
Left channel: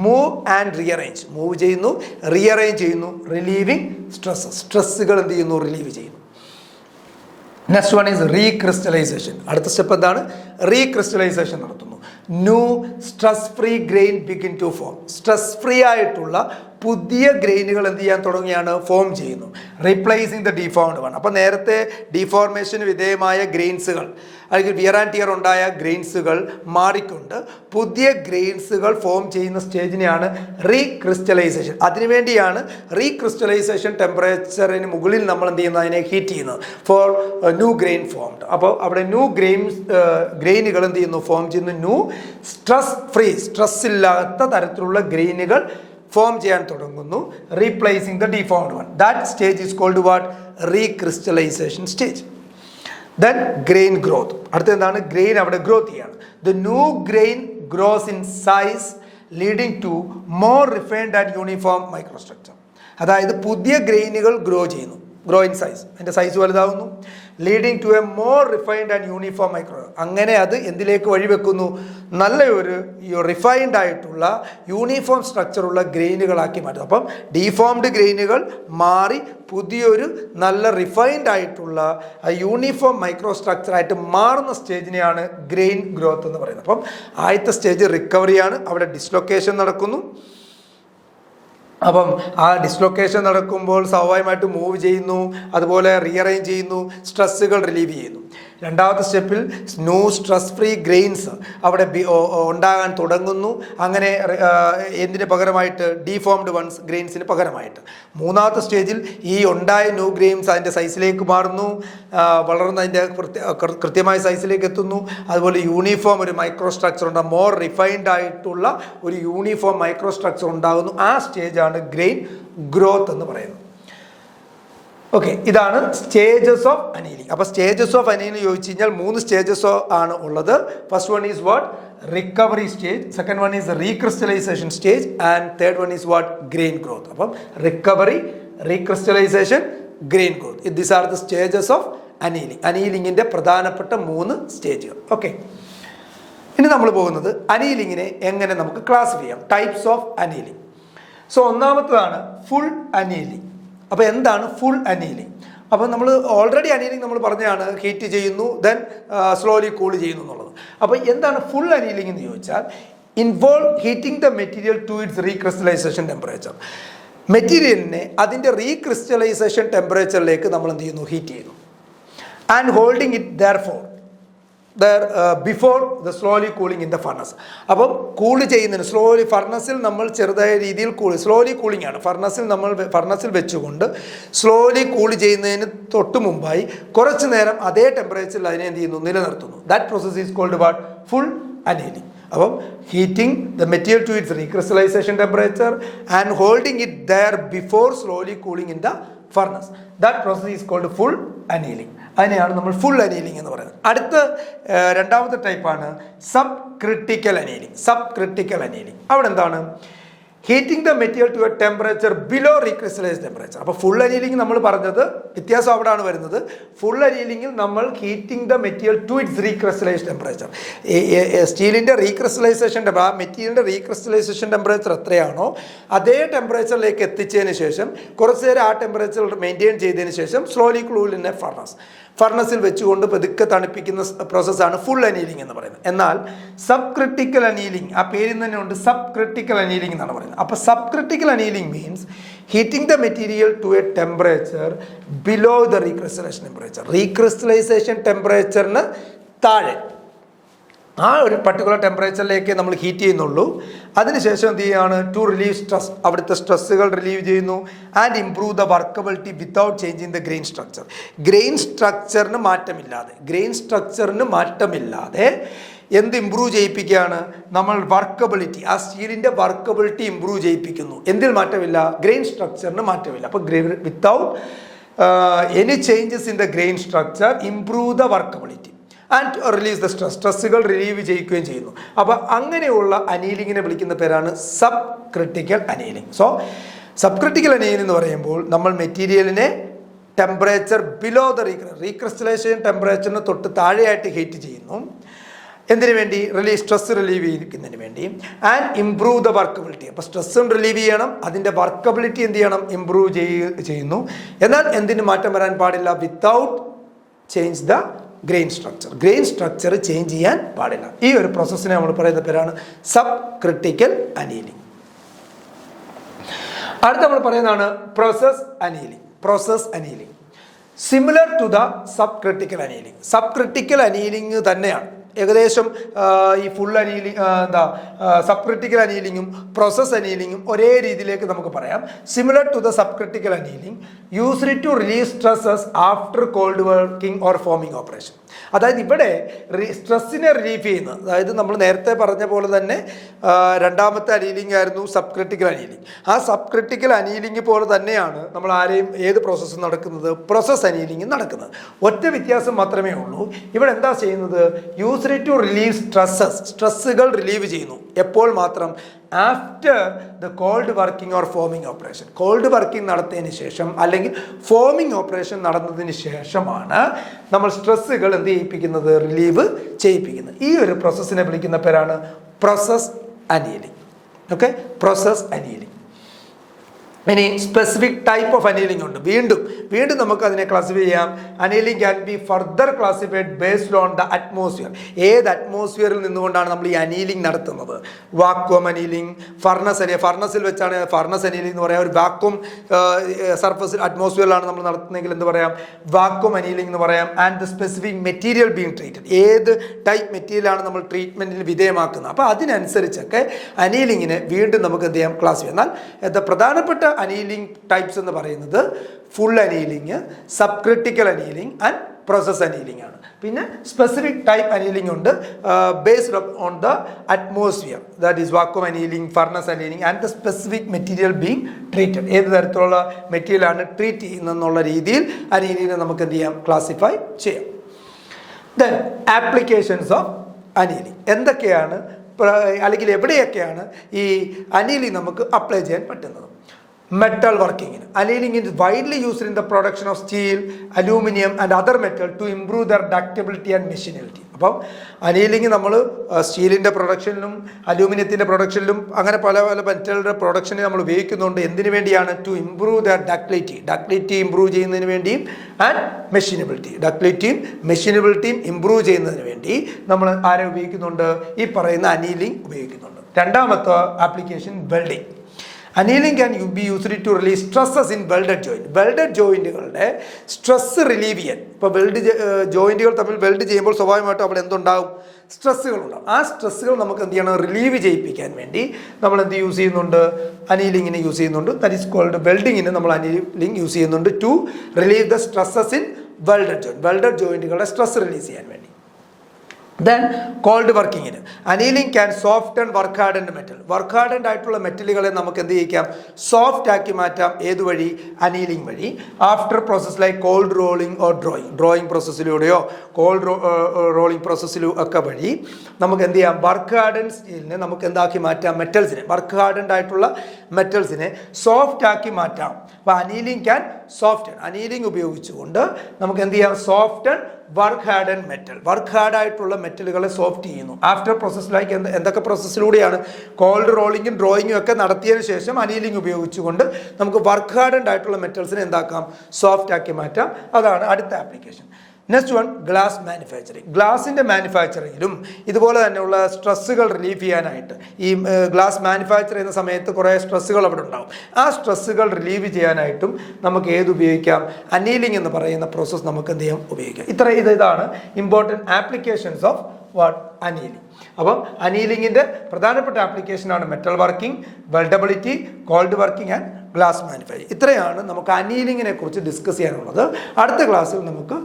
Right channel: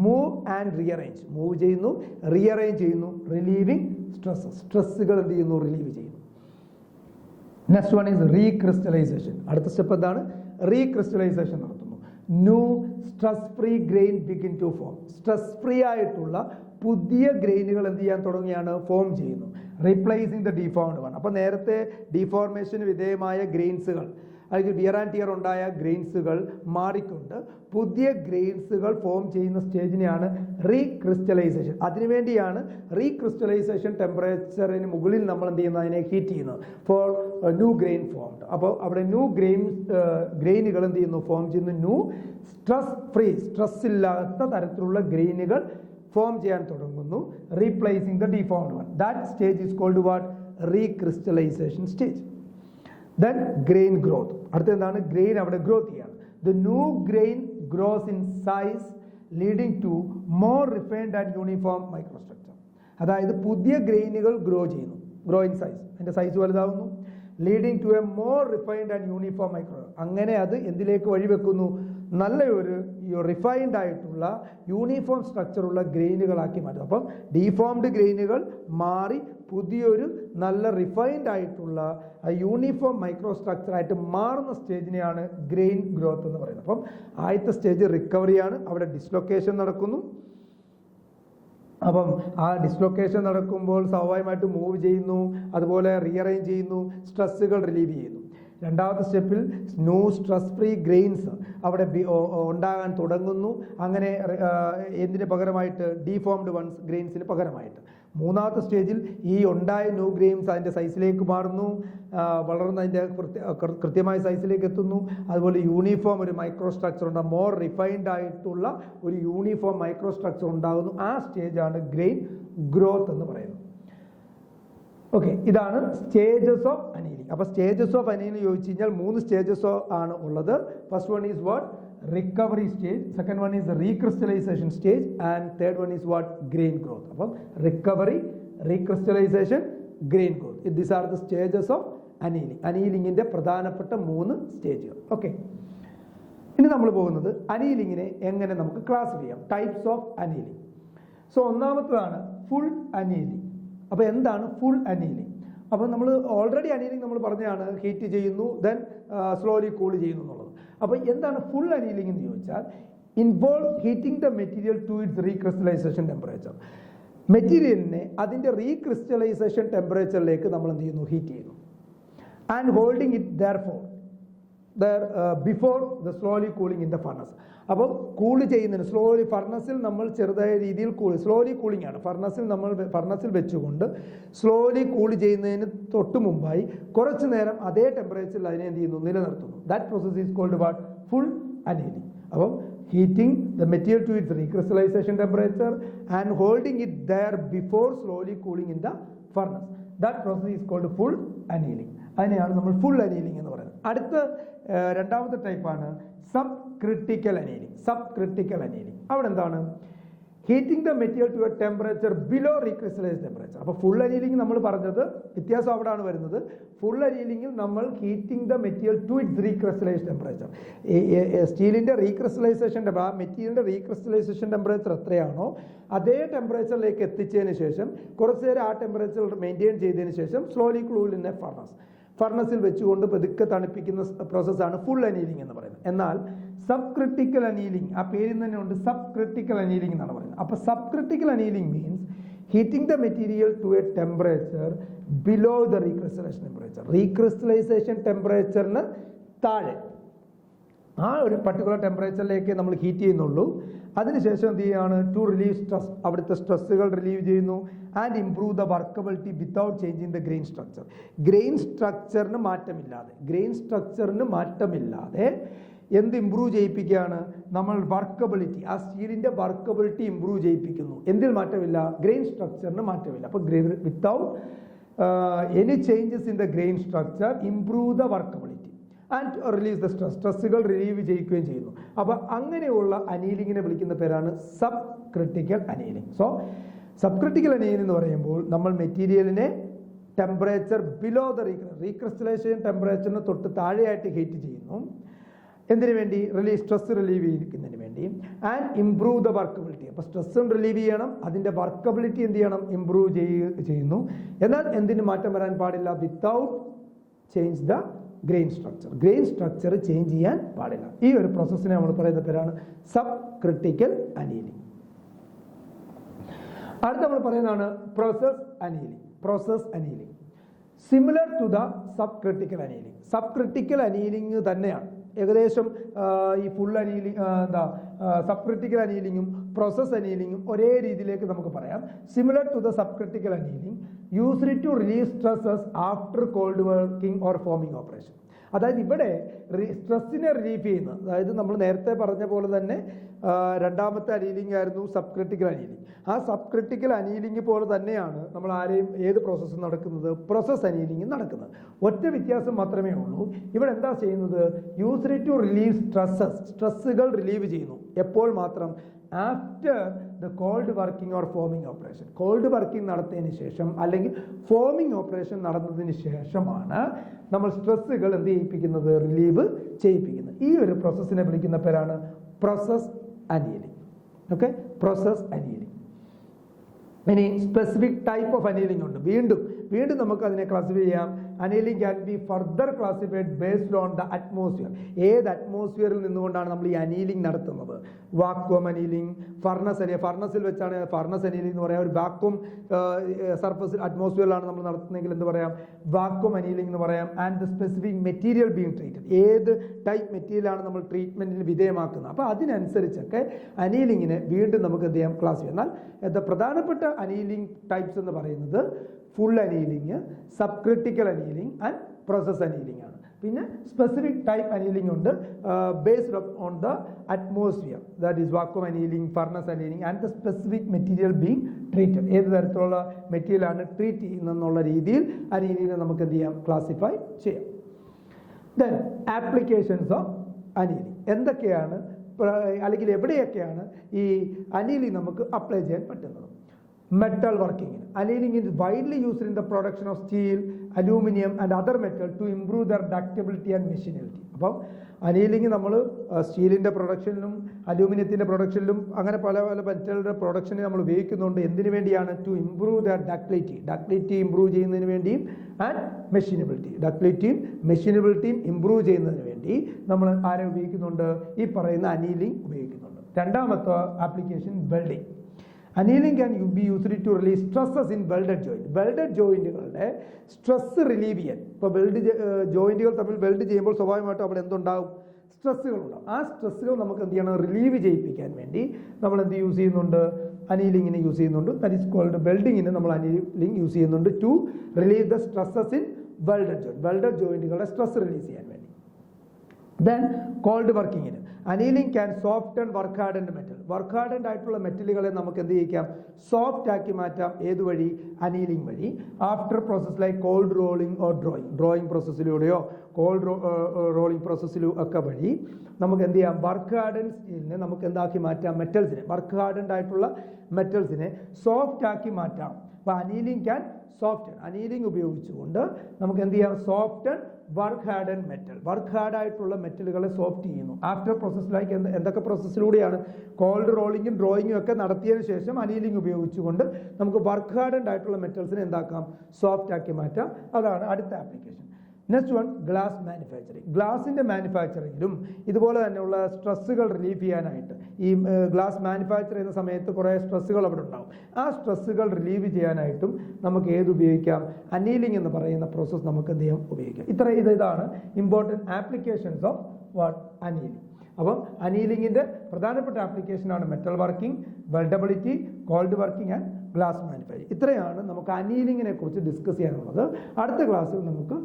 move and rearrange. Move ചെയ്യുന്നു, റീഅറേഞ്ച് ചെയ്യുന്നു, റിലീവിങ് സ്ട്രെസ്സുകൾ എന്ത് ചെയ്യുന്നു? റിലീവ് ചെയ്യുന്നു. Next one is recrystallization. അടുത്ത സ്റ്റെപ്പ് എന്താണ്? റീക്രിസ്റ്റലൈസേഷൻ നടത്തുന്നു. New stress free grain begin to form. Stress free ആയിട്ടുള്ള പുതിയ ഗ്രെയിനുകൾ എന്ത് ചെയ്യാൻ തുടങ്ങിയാണ്? ഫോം ചെയ്യുന്നു. Replacing the deformed one. അപ്പോൾ നേരത്തെ ഡിഫോർമേഷന് വിധേയമായ ഗ്രെയിൻസുകൾ അല്ലെങ്കിൽ വിയർ ആൻഡ് ടിയർ ഉണ്ടായ ഗ്രെയിൻസുകൾ മാറിക്കൊണ്ട് പുതിയ ഗ്രെയിൻസുകൾ ഫോം ചെയ്യുന്ന സ്റ്റേജിനെയാണ് റീക്രിസ്റ്റലൈസേഷൻ. അതിനുവേണ്ടിയാണ് റീക്രിസ്റ്റലൈസേഷൻ ടെമ്പറേച്ചറിന് മുകളിൽ നമ്മൾ എന്ത് ചെയ്യുന്നത്? അതിനെ ഹീറ്റ് ചെയ്യുന്നത് ഫോർ ന്യൂ ഗ്രെയിൻ ഫോംഡ്. അപ്പോൾ അവിടെ ന്യൂ ഗ്രെയിനുകൾ എന്ത് ചെയ്യുന്നു? ഫോം ചെയ്യുന്നു. ന്യൂ സ്ട്രെസ് ഇല്ലാത്ത തരത്തിലുള്ള ഗ്രെയിനുകൾ ഫോം ചെയ്യാൻ തുടങ്ങുന്നു. Replacing the deformed one. That stage is called what? Recrystallisation stage. Then grain growth. അടുത്ത എന്താണ്? ഗ്രെയിൻ അവിടെ ഗ്രോത്ത് ചെയ്യാണ്. The new grain grows in size leading to more refined and uniform microstructure. അതായത് പുതിയ ഗ്രെയിനുകൾ ഗ്രോ ചെയ്യുന്നു, ഗ്രോ ഇൻ സൈസ്, അതിൻ്റെ size വലുതാവുന്നു. Leading to a more refined and uniform micro. അങ്ങനെ അത് എന്തിലേക്ക് വഴിവെക്കുന്നു? നല്ലൊരു റിഫൈൻഡ് ആയിട്ടുള്ള യൂണിഫോം സ്ട്രക്ചറുള്ള ഗ്രെയിനുകളാക്കി മാറ്റും. അപ്പം ഡിഫോംഡ് ഗ്രെയിനുകൾ മാറി പുതിയൊരു നല്ല റിഫൈൻഡ് ആയിട്ടുള്ള യൂണിഫോം മൈക്രോ സ്ട്രക്ചറായിട്ട് മാറുന്ന സ്റ്റേജിനെയാണ് ഗ്രെയിൻ ഗ്രോത്ത് എന്ന് പറയുന്നത്. അപ്പം ആദ്യത്തെ സ്റ്റേജ് റിക്കവറിയാണ്. അവിടെ ഡിസ്ലൊക്കേഷൻ നടക്കുന്നു. അപ്പം ആ ഡിസ്ലൊക്കേഷൻ നടക്കുമ്പോൾ സ്വാഭാവികമായിട്ട് മൂവ് ചെയ്യുന്നു, അതുപോലെ റീഅറേഞ്ച് ചെയ്യുന്നു, സ്ട്രെസ്സുകൾ റിലീവ് ചെയ്യുന്നു. രണ്ടാമത്തെ സ്റ്റെപ്പിൽ ന്യൂ സ്ട്രെസ് ഫ്രീ ഗ്രെയിൻസ് അവിടെ ഉണ്ടാകാൻ തുടങ്ങുന്നു. അങ്ങനെ എന്തിന് പകരമായിട്ട്? ഡിഫോംഡ് വൺസ് ഗ്രെയിൻസിന് പകരമായിട്ട്. മൂന്നാമത്തെ സ്റ്റേജിൽ ഈ ഉണ്ടായ ന്യൂ ഗ്രെയിൻസ് അതിൻ്റെ സൈസിലേക്ക് മാറുന്നു, വളർന്ന് അതിൻ്റെ കൃത്യമായ സൈസിലേക്ക് എത്തുന്നു. അതുപോലെ യൂണിഫോം ഒരു മൈക്രോ സ്ട്രക്ചർ ഉണ്ടാകും, മോർ റിഫൈൻഡ് ആയിട്ടുള്ള ഒരു യൂണിഫോം മൈക്രോ സ്ട്രക്ചർ ഉണ്ടാകുന്നു. ആ സ്റ്റേജാണ് ഗ്രെയിൻ ഗ്രോത്ത് എന്ന് പറയുന്നത്. ഓക്കെ, ഇതാണ് സ്റ്റേജസ് ഓഫ് അനീലിംഗ്. അപ്പോൾ സ്റ്റേജസ് ഓഫ് അനീലിംഗ് ചോദിച്ചു കഴിഞ്ഞാൽ 3 സ്റ്റേജസ് ആണ് ഉള്ളത്. First one is what? Recovery stage. Second one is recrystallisation stage. And third one is what? Grain growth. അപ്പം recovery, recrystallisation, grain growth, these are the stages of annealing. അനീലിംഗിൻ്റെ പ്രധാനപ്പെട്ട 3 സ്റ്റേജുകൾ. Okay, ഇനി നമ്മൾ പോകുന്നത് അനീലിംഗിനെ എങ്ങനെ നമുക്ക് ക്ലാസിഫൈ ചെയ്യാം, ടൈപ്സ് ഓഫ് അനീലിംഗ്. സോ ഒന്നാമത്തതാണ് ഫുൾ അനീലിംഗ്. അപ്പോൾ എന്താണ് ഫുൾ അനീലിംഗ്? അപ്പോൾ നമ്മൾ ഓൾറെഡി അനീലിംഗ് നമ്മൾ പറഞ്ഞതാണ്, ഹീറ്റ് ചെയ്യുന്നു, ദെൻ സ്ലോലി കൂൾ ചെയ്യുന്നു എന്നുള്ളത്. അപ്പോൾ എന്താണ് ഫുൾ അനീലിംഗ് എന്ന് ചോദിച്ചാൽ, involve heating the material to its recrystallisation temperature. മെറ്റീരിയലിനെ അതിൻ്റെ റീക്രിസ്റ്റലൈസേഷൻ ടെമ്പറേച്ചറിലേക്ക് നമ്മൾ എന്ത് ചെയ്യുന്നു? ഹീറ്റ് ചെയ്യുന്നു. And holding it before the slowly cooling in the furnace. അപ്പം കൂൾ ചെയ്യുന്നതിന് സ്ലോലി ഫർണസിൽ നമ്മൾ ചെറുതായ രീതിയിൽ സ്ലോലി കൂളിംഗ് ആണ്. ഫർണസിൽ വെച്ചുകൊണ്ട് സ്ലോലി കൂൾ ചെയ്യുന്നതിന് തൊട്ട് മുമ്പായി കുറച്ച് നേരം അതേ ടെമ്പറേച്ചറിൽ അതിനെ എന്ത് ചെയ്യുന്നു? നിലനിർത്തുന്നു. That process is called what? Full annealing. അപ്പം heating the material to its recrystallisation temperature and holding it there before slowly cooling in the furnace. That process is called full annealing. അതിനെയാണ് നമ്മൾ ഫുൾ അനീലിംഗ് എന്ന് പറയുന്നത്. അടുത്ത രണ്ടാമത്തെ ടൈപ്പാണ് subcritical annealing. Subcritical annealing അവിടെ എന്താണ്? Heating the material to a temperature below recrystallise temperature. അപ്പോൾ ഫുൾ അനീലിംഗ് നമ്മൾ പറഞ്ഞത് വ്യത്യാസം അവിടെയാണ് വരുന്നത്. ഫുൾ അനീലിംഗിൽ നമ്മൾ heating the material to its recrystallise temperature. സ്റ്റീലിൻ്റെ റീക്രിസ്റ്റലൈസേഷൻ ആ മെറ്റീരിയലിൻ്റെ റീക്രിസ്റ്റലൈസേഷൻ ടെമ്പറേച്ചർ എത്രയാണോ അതേ ടെമ്പറേച്ചറിലേക്ക് എത്തിച്ചതിന് ശേഷം കുറച്ച് നേരം ആ ടെമ്പറേച്ചർ മെയിൻറ്റെയിൻ ചെയ്തതിന് ശേഷം സ്ലോലി കൂൾ ഇൻ എ ഫർണസിൽ വെച്ചുകൊണ്ട് പതുക്കെ തണുപ്പിക്കുന്ന പ്രോസസ്സാണ് ഫുൾ അനീലിംഗ് എന്ന് പറയുന്നത്. എന്നാൽ സബ് ക്രിട്ടിക്കൽ അനീലിംഗ്, ആ പേരിൽ തന്നെ ഉണ്ട് സബ് ക്രിട്ടിക്കൽ അനീലിംഗ് എന്നാണ് പറയുന്നത്. അപ്പോൾ subcritical annealing means heating the material to a temperature below the recrystallisation temperature. Recrystallisation ടെമ്പറേച്ചറിന് താഴെ ആ ഒരു പർട്ടിക്കുലർ ടെമ്പറേച്ചറിലേക്ക് നമ്മൾ ഹീറ്റ് ചെയ്യുന്നുള്ളൂ. അതിനുശേഷം എന്ത് ചെയ്യുകയാണ്? ടു റിലീവ് സ്ട്രെസ്, അവിടുത്തെ സ്ട്രെസ്സുകൾ റിലീവ് ചെയ്യുന്നു. And improve the workability without changing the grain structure. Grain സ്ട്രക്ചറിന് മാറ്റമില്ലാതെ എന്ത് ഇമ്പ്രൂവ് ചെയ്യിപ്പിക്കുകയാണ്? നമ്മൾ വർക്കബിലിറ്റി, ആ സ്റ്റീലിൻ്റെ വർക്കബിലിറ്റി ഇമ്പ്രൂവ് ചെയ്യിപ്പിക്കുന്നു. എന്തിൽ മാറ്റമില്ല? ഗ്രെയിൻ സ്ട്രക്ചറിന് മാറ്റമില്ല. അപ്പോൾ without any changes in the grain structure improve the workability and release the സ്ട്രെസ്സുകൾ റിലീവ് ചെയ്യിക്കുകയും ചെയ്യുന്നു. അപ്പോൾ അങ്ങനെയുള്ള അനീലിങ്ങിനെ വിളിക്കുന്ന പേരാണ് subcritical annealing. So subcritical annealing എന്ന് പറയുമ്പോൾ നമ്മൾ മെറ്റീരിയലിനെ ടെമ്പറേച്ചർ ബിലോ ദ റീക്രിസ്റ്റലൈസേഷൻ ടെമ്പറേച്ചറിന് തൊട്ട് താഴെയായിട്ട് ഹീറ്റ് ചെയ്യുന്നു. എന്തിനു വേണ്ടി? സ്ട്രെസ് റിലീവ് ചെയ്യുന്നതിന് വേണ്ടി. And improve the workability. അപ്പോൾ സ്ട്രെസ്സും റിലീവ് ചെയ്യണം, അതിൻ്റെ വർക്കബിലിറ്റി എന്ത് ചെയ്യണം? ഇംപ്രൂവ് ചെയ്യുന്നു. എന്നാൽ എന്തിന് മാറ്റം വരാൻ പാടില്ല? Without change the grain structure change ചെയ്യാൻ പാടില്ല. ഈ ഒരു പ്രോസസ്സിനെ നമ്മൾ പറയുന്ന പേരാണ് സബ് ക്രിട്ടിക്കൽ അനീലിംഗ്. അടുത്ത നമ്മൾ പറയുന്നതാണ് process annealing. Similar to the subcritical annealing. Subcritical annealing തന്നെയാണ് ഏകദേശം ഈ ഫുൾ അനീലിംഗ് സബ് ക്രിട്ടിക്കൽ അനീലിംഗും പ്രോസസ് അനീലിംഗും ഒരേ രീതിയിലേക്ക് നമുക്ക് പറയാം. Similar to the subcritical annealing used to release stresses after cold working or forming operation. അതായത് ഇവിടെ സ്ട്രെസ്സിനെ റിലീഫ് ചെയ്യുന്നത്, അതായത് നമ്മൾ നേരത്തെ പറഞ്ഞ പോലെ തന്നെ രണ്ടാമത്തെ അനീലിംഗ് ആയിരുന്നു സബ് ക്രിട്ടിക്കൽ അനീലിംഗ്. ആ സബ് ക്രിട്ടിക്കൽ അനീലിംഗ് പോലെ തന്നെയാണ് നമ്മൾ ഏത് പ്രോസസ്സ് നടക്കുന്നത്? പ്രോസസ് അനീലിംഗ് നടക്കുന്നത്. ഒറ്റ വ്യത്യാസം മാത്രമേ ഉള്ളൂ. ഇവിടെ എന്താ ചെയ്യുന്നത്? യൂസ്ഡ് ടു റിലീവ് സ്ട്രെസ്സുകൾ റിലീവ് ചെയ്യുന്നു. എപ്പോൾ മാത്രം? After the cold working or forming operation. Cold working നടത്തിയതിന് ശേഷം അല്ലെങ്കിൽ ഫോമിംഗ് ഓപ്പറേഷൻ നടന്നതിന് ശേഷമാണ് നമ്മൾ സ്ട്രെസ്സുകൾ എന്ത് ചെയ്യിപ്പിക്കുന്നത്? റിലീവ് ചെയ്യിപ്പിക്കുന്നത്. ഈ ഒരു പ്രോസസ്സിനെ വിളിക്കുന്ന പേരാണ് process annealing. Okay, process annealing. ഇനി സ്പെസിഫിക് ടൈപ്പ് ഓഫ് അനീലിംഗ് ഉണ്ട്. വീണ്ടും നമുക്ക് അതിനെ ക്ലാസിഫൈ ചെയ്യാം. Annealing can B further classified based on the atmosphere. ഏത് അറ്റ്മോസ്ഫിയറിൽ നിന്നുകൊണ്ടാണ് നമ്മൾ ഈ അനീലിംഗ് നടത്തുന്നത്? വാക്വം അനീലിംഗ്, ഫർണസിൽ വെച്ചാണ് ഫർണസ് അനീലിംഗ് എന്ന് പറയാം. ഒരു വാക്വം സർഫസിൽ അറ്റ്മോസ്ഫിയറിലാണ് നമ്മൾ നടത്തുന്നതെങ്കിൽ എന്ത് പറയാം? വാക്വം അനീലിംഗ് എന്ന് പറയാം. And the specific material being treated, ഏത് ടൈപ്പ് മെറ്റീരിയലാണ് നമ്മൾ ട്രീറ്റ്മെൻറ്റിന് വിധേയമാക്കുന്നത്. അപ്പോൾ അതിനനുസരിച്ചൊക്കെ അനീലിങ്ങിനെ വീണ്ടും നമുക്ക് എന്ത് ചെയ്യാം? ക്ലാസിഫൈ. എന്നാൽ പ്രധാനപ്പെട്ട അനീലിംഗ് ടൈപ്സ് എന്ന് പറയുന്നത് full annealing, subcritical annealing and process annealing ആണ്. പിന്നെ സ്പെസിഫിക് ടൈപ്പ് അനീലിംഗ് ഉണ്ട്, based on the atmosphere, that is vacuum annealing, furnace annealing and the specific material being treated. ഏത് തരത്തിലുള്ള മെറ്റീരിയലാണ് ട്രീറ്റ് ചെയ്യുന്നതെന്നുള്ള രീതിയിൽ അനീലിംഗിനെ നമുക്ക് എന്ത് ചെയ്യാം, ക്ലാസിഫൈ ചെയ്യാം. ദെൻ ആപ്ലിക്കേഷൻസ് ഓഫ് അനീലിംഗ് എന്തൊക്കെയാണ്, അല്ലെങ്കിൽ എവിടെയൊക്കെയാണ് ഈ അനീലിംഗ് നമുക്ക് അപ്ലൈ ചെയ്യാൻ പറ്റുന്നത്? മെറ്റൽ വർക്കിങ്ങിന് annealing is widely used in the production of steel, aluminum and other metal to improve their ductility and machinability. അപ്പം അനീലിംഗ് നമ്മൾ സ്റ്റീലിൻ്റെ പ്രൊഡക്ഷനിലും അലൂമിനിയത്തിൻ്റെ പ്രൊഡക്ഷനിലും അങ്ങനെ പല പല മെറ്റലുടെ പ്രൊഡക്ഷനിൽ നമ്മൾ ഉപയോഗിക്കുന്നുണ്ട്. എന്തിനു വേണ്ടിയാണ്? To improve their ductility improve ചെയ്യുന്നതിന് വേണ്ടിയും ആൻഡ് മെഷീനബിലിറ്റി, ഡക്ടിലിറ്റിയും മെഷീനബിലിറ്റിയും ഇംപ്രൂവ് ചെയ്യുന്നതിന് വേണ്ടി നമ്മൾ ആരെ ഉപയോഗിക്കുന്നുണ്ട്? ഈ പറയുന്ന അനീലിംഗ് ഉപയോഗിക്കുന്നുണ്ട്. രണ്ടാമത്തെ application welding. Annealing can be used to relieve stresses in welded joint. Welded ജോയിൻറ്റുകളുടെ സ്ട്രെസ്സ് റിലീവ് ചെയ്യാൻ, ഇപ്പോൾ ജോയിൻറ്റുകൾ തമ്മിൽ വെൽഡ് ചെയ്യുമ്പോൾ സ്വാഭാവികമായിട്ടും അവിടെ എന്തുണ്ടാവും? സ്ട്രെസ്സുകളുണ്ടാവും. ആ സ്ട്രെസ്സുകൾ നമുക്ക് എന്ത് ചെയ്യണം? റിലീവ് ചെയ്യിപ്പിക്കാൻ വേണ്ടി നമ്മൾ എന്ത് യൂസ് ചെയ്യുന്നുണ്ട്? അനീലിങ്ങിന് യൂസ് ചെയ്യുന്നുണ്ട്. ദാറ്റ് ഈസ് കോൾഡ് വെൽഡിങ്ങിന് നമ്മൾ അനീലിംഗ് യൂസ് ചെയ്യുന്നുണ്ട് to relieve the stresses in welded ജോയിൻറ്റുകളുടെ സ്ട്രെസ് റിലീസ് ചെയ്യാൻ വേണ്ടി. ദെൻ കോൾഡ് വർക്കിങ്ങിന് annealing can soft and work hardened metal. Work hardened ആയിട്ടുള്ള മെറ്റലുകളെ നമുക്ക് എന്ത് ചെയ്യിക്കാം? സോഫ്റ്റ് ആക്കി മാറ്റാം. ഏതുവഴി? അനീലിംഗ് വഴി. After process like cold rolling or drawing പ്രോസസ്സിലൂടെയോ കോൾഡ് റോളിംഗ് പ്രോസസ്സിലോ ഒക്കെ വഴി നമുക്ക് എന്ത് ചെയ്യാം? വർക്ക് ഹാർഡൻഡ് സ്റ്റീലിനെ നമുക്ക് എന്താക്കി മാറ്റാം? മെറ്റൽസിനെ, വർക്ക് ഹാർഡൻഡ് ആയിട്ടുള്ള മെറ്റൽസിനെ സോഫ്റ്റ് ആക്കി മാറ്റാം. അപ്പോൾ അനീലിംഗ് ക്യാൻ സോഫ്റ്റ്, അനീലിംഗ് ഉപയോഗിച്ചുകൊണ്ട് നമുക്ക് എന്ത് ചെയ്യാം? Soft work hard and metal, work hard ആയിട്ടുള്ള മെറ്റലുകളെ സോഫ്റ്റ് ചെയ്യുന്നു. ആഫ്റ്റർ പ്രോസസ് ലൈക്ക് എന്തൊക്കെ പ്രോസസ്സിലൂടെയാണ്? കോൾഡ് റോളിങ്ങും ഡ്രോയിങ്ങും ഒക്കെ നടത്തിയതിനു ശേഷം അനീലിംഗ് ഉപയോഗിച്ചുകൊണ്ട് നമുക്ക് വർക്ക് ഹാർഡ് ആയിട്ടുള്ള മെറ്റൽസിനെ എന്താക്കാം? സോഫ്റ്റ് ആക്കി മാറ്റാം. അതാണ് അടുത്ത application. Next one, glass manufacturing. ഗ്ലാസിൻ്റെ മാനുഫാക്ചറിങ്ങിലും ഇതുപോലെ തന്നെയുള്ള സ്ട്രെസ്സുകൾ റിലീഫ് ചെയ്യാനായിട്ട് ഈ ഗ്ലാസ് മാനുഫാക്ചർ ചെയ്യുന്ന സമയത്ത് കുറേ സ്ട്രെസ്സുകൾ അവിടെ ഉണ്ടാവും. ആ സ്ട്രെസ്സുകൾ റിലീവ് ചെയ്യാനായിട്ടും നമുക്ക് ഏത് ഉപയോഗിക്കാം? അനീലിംഗ് എന്ന് പറയുന്ന പ്രോസസ്സ് നമുക്ക് എന്ത് ചെയ്യാം? ഉപയോഗിക്കാം. ഇതാണ് important applications of what? Annealing. അപ്പം അനീലിംഗിൻ്റെ പ്രധാനപ്പെട്ട ആപ്ലിക്കേഷനാണ് metal working, weldability, cold working and glass manufacturing. ഇത്രയാണ് നമുക്ക് അനീലിംഗിനെ കുറിച്ച് ഡിസ്കസ് ചെയ്യാനുള്ളത്. അടുത്ത ക്ലാസ്സിൽ നമുക്ക്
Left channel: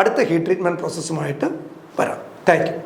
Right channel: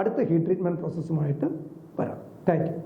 അടുത്ത ഹീറ്റ് ട്രീറ്റ്മെൻറ്റ് പ്രോസസ്സുമായിട്ട് വരാം. Thank you.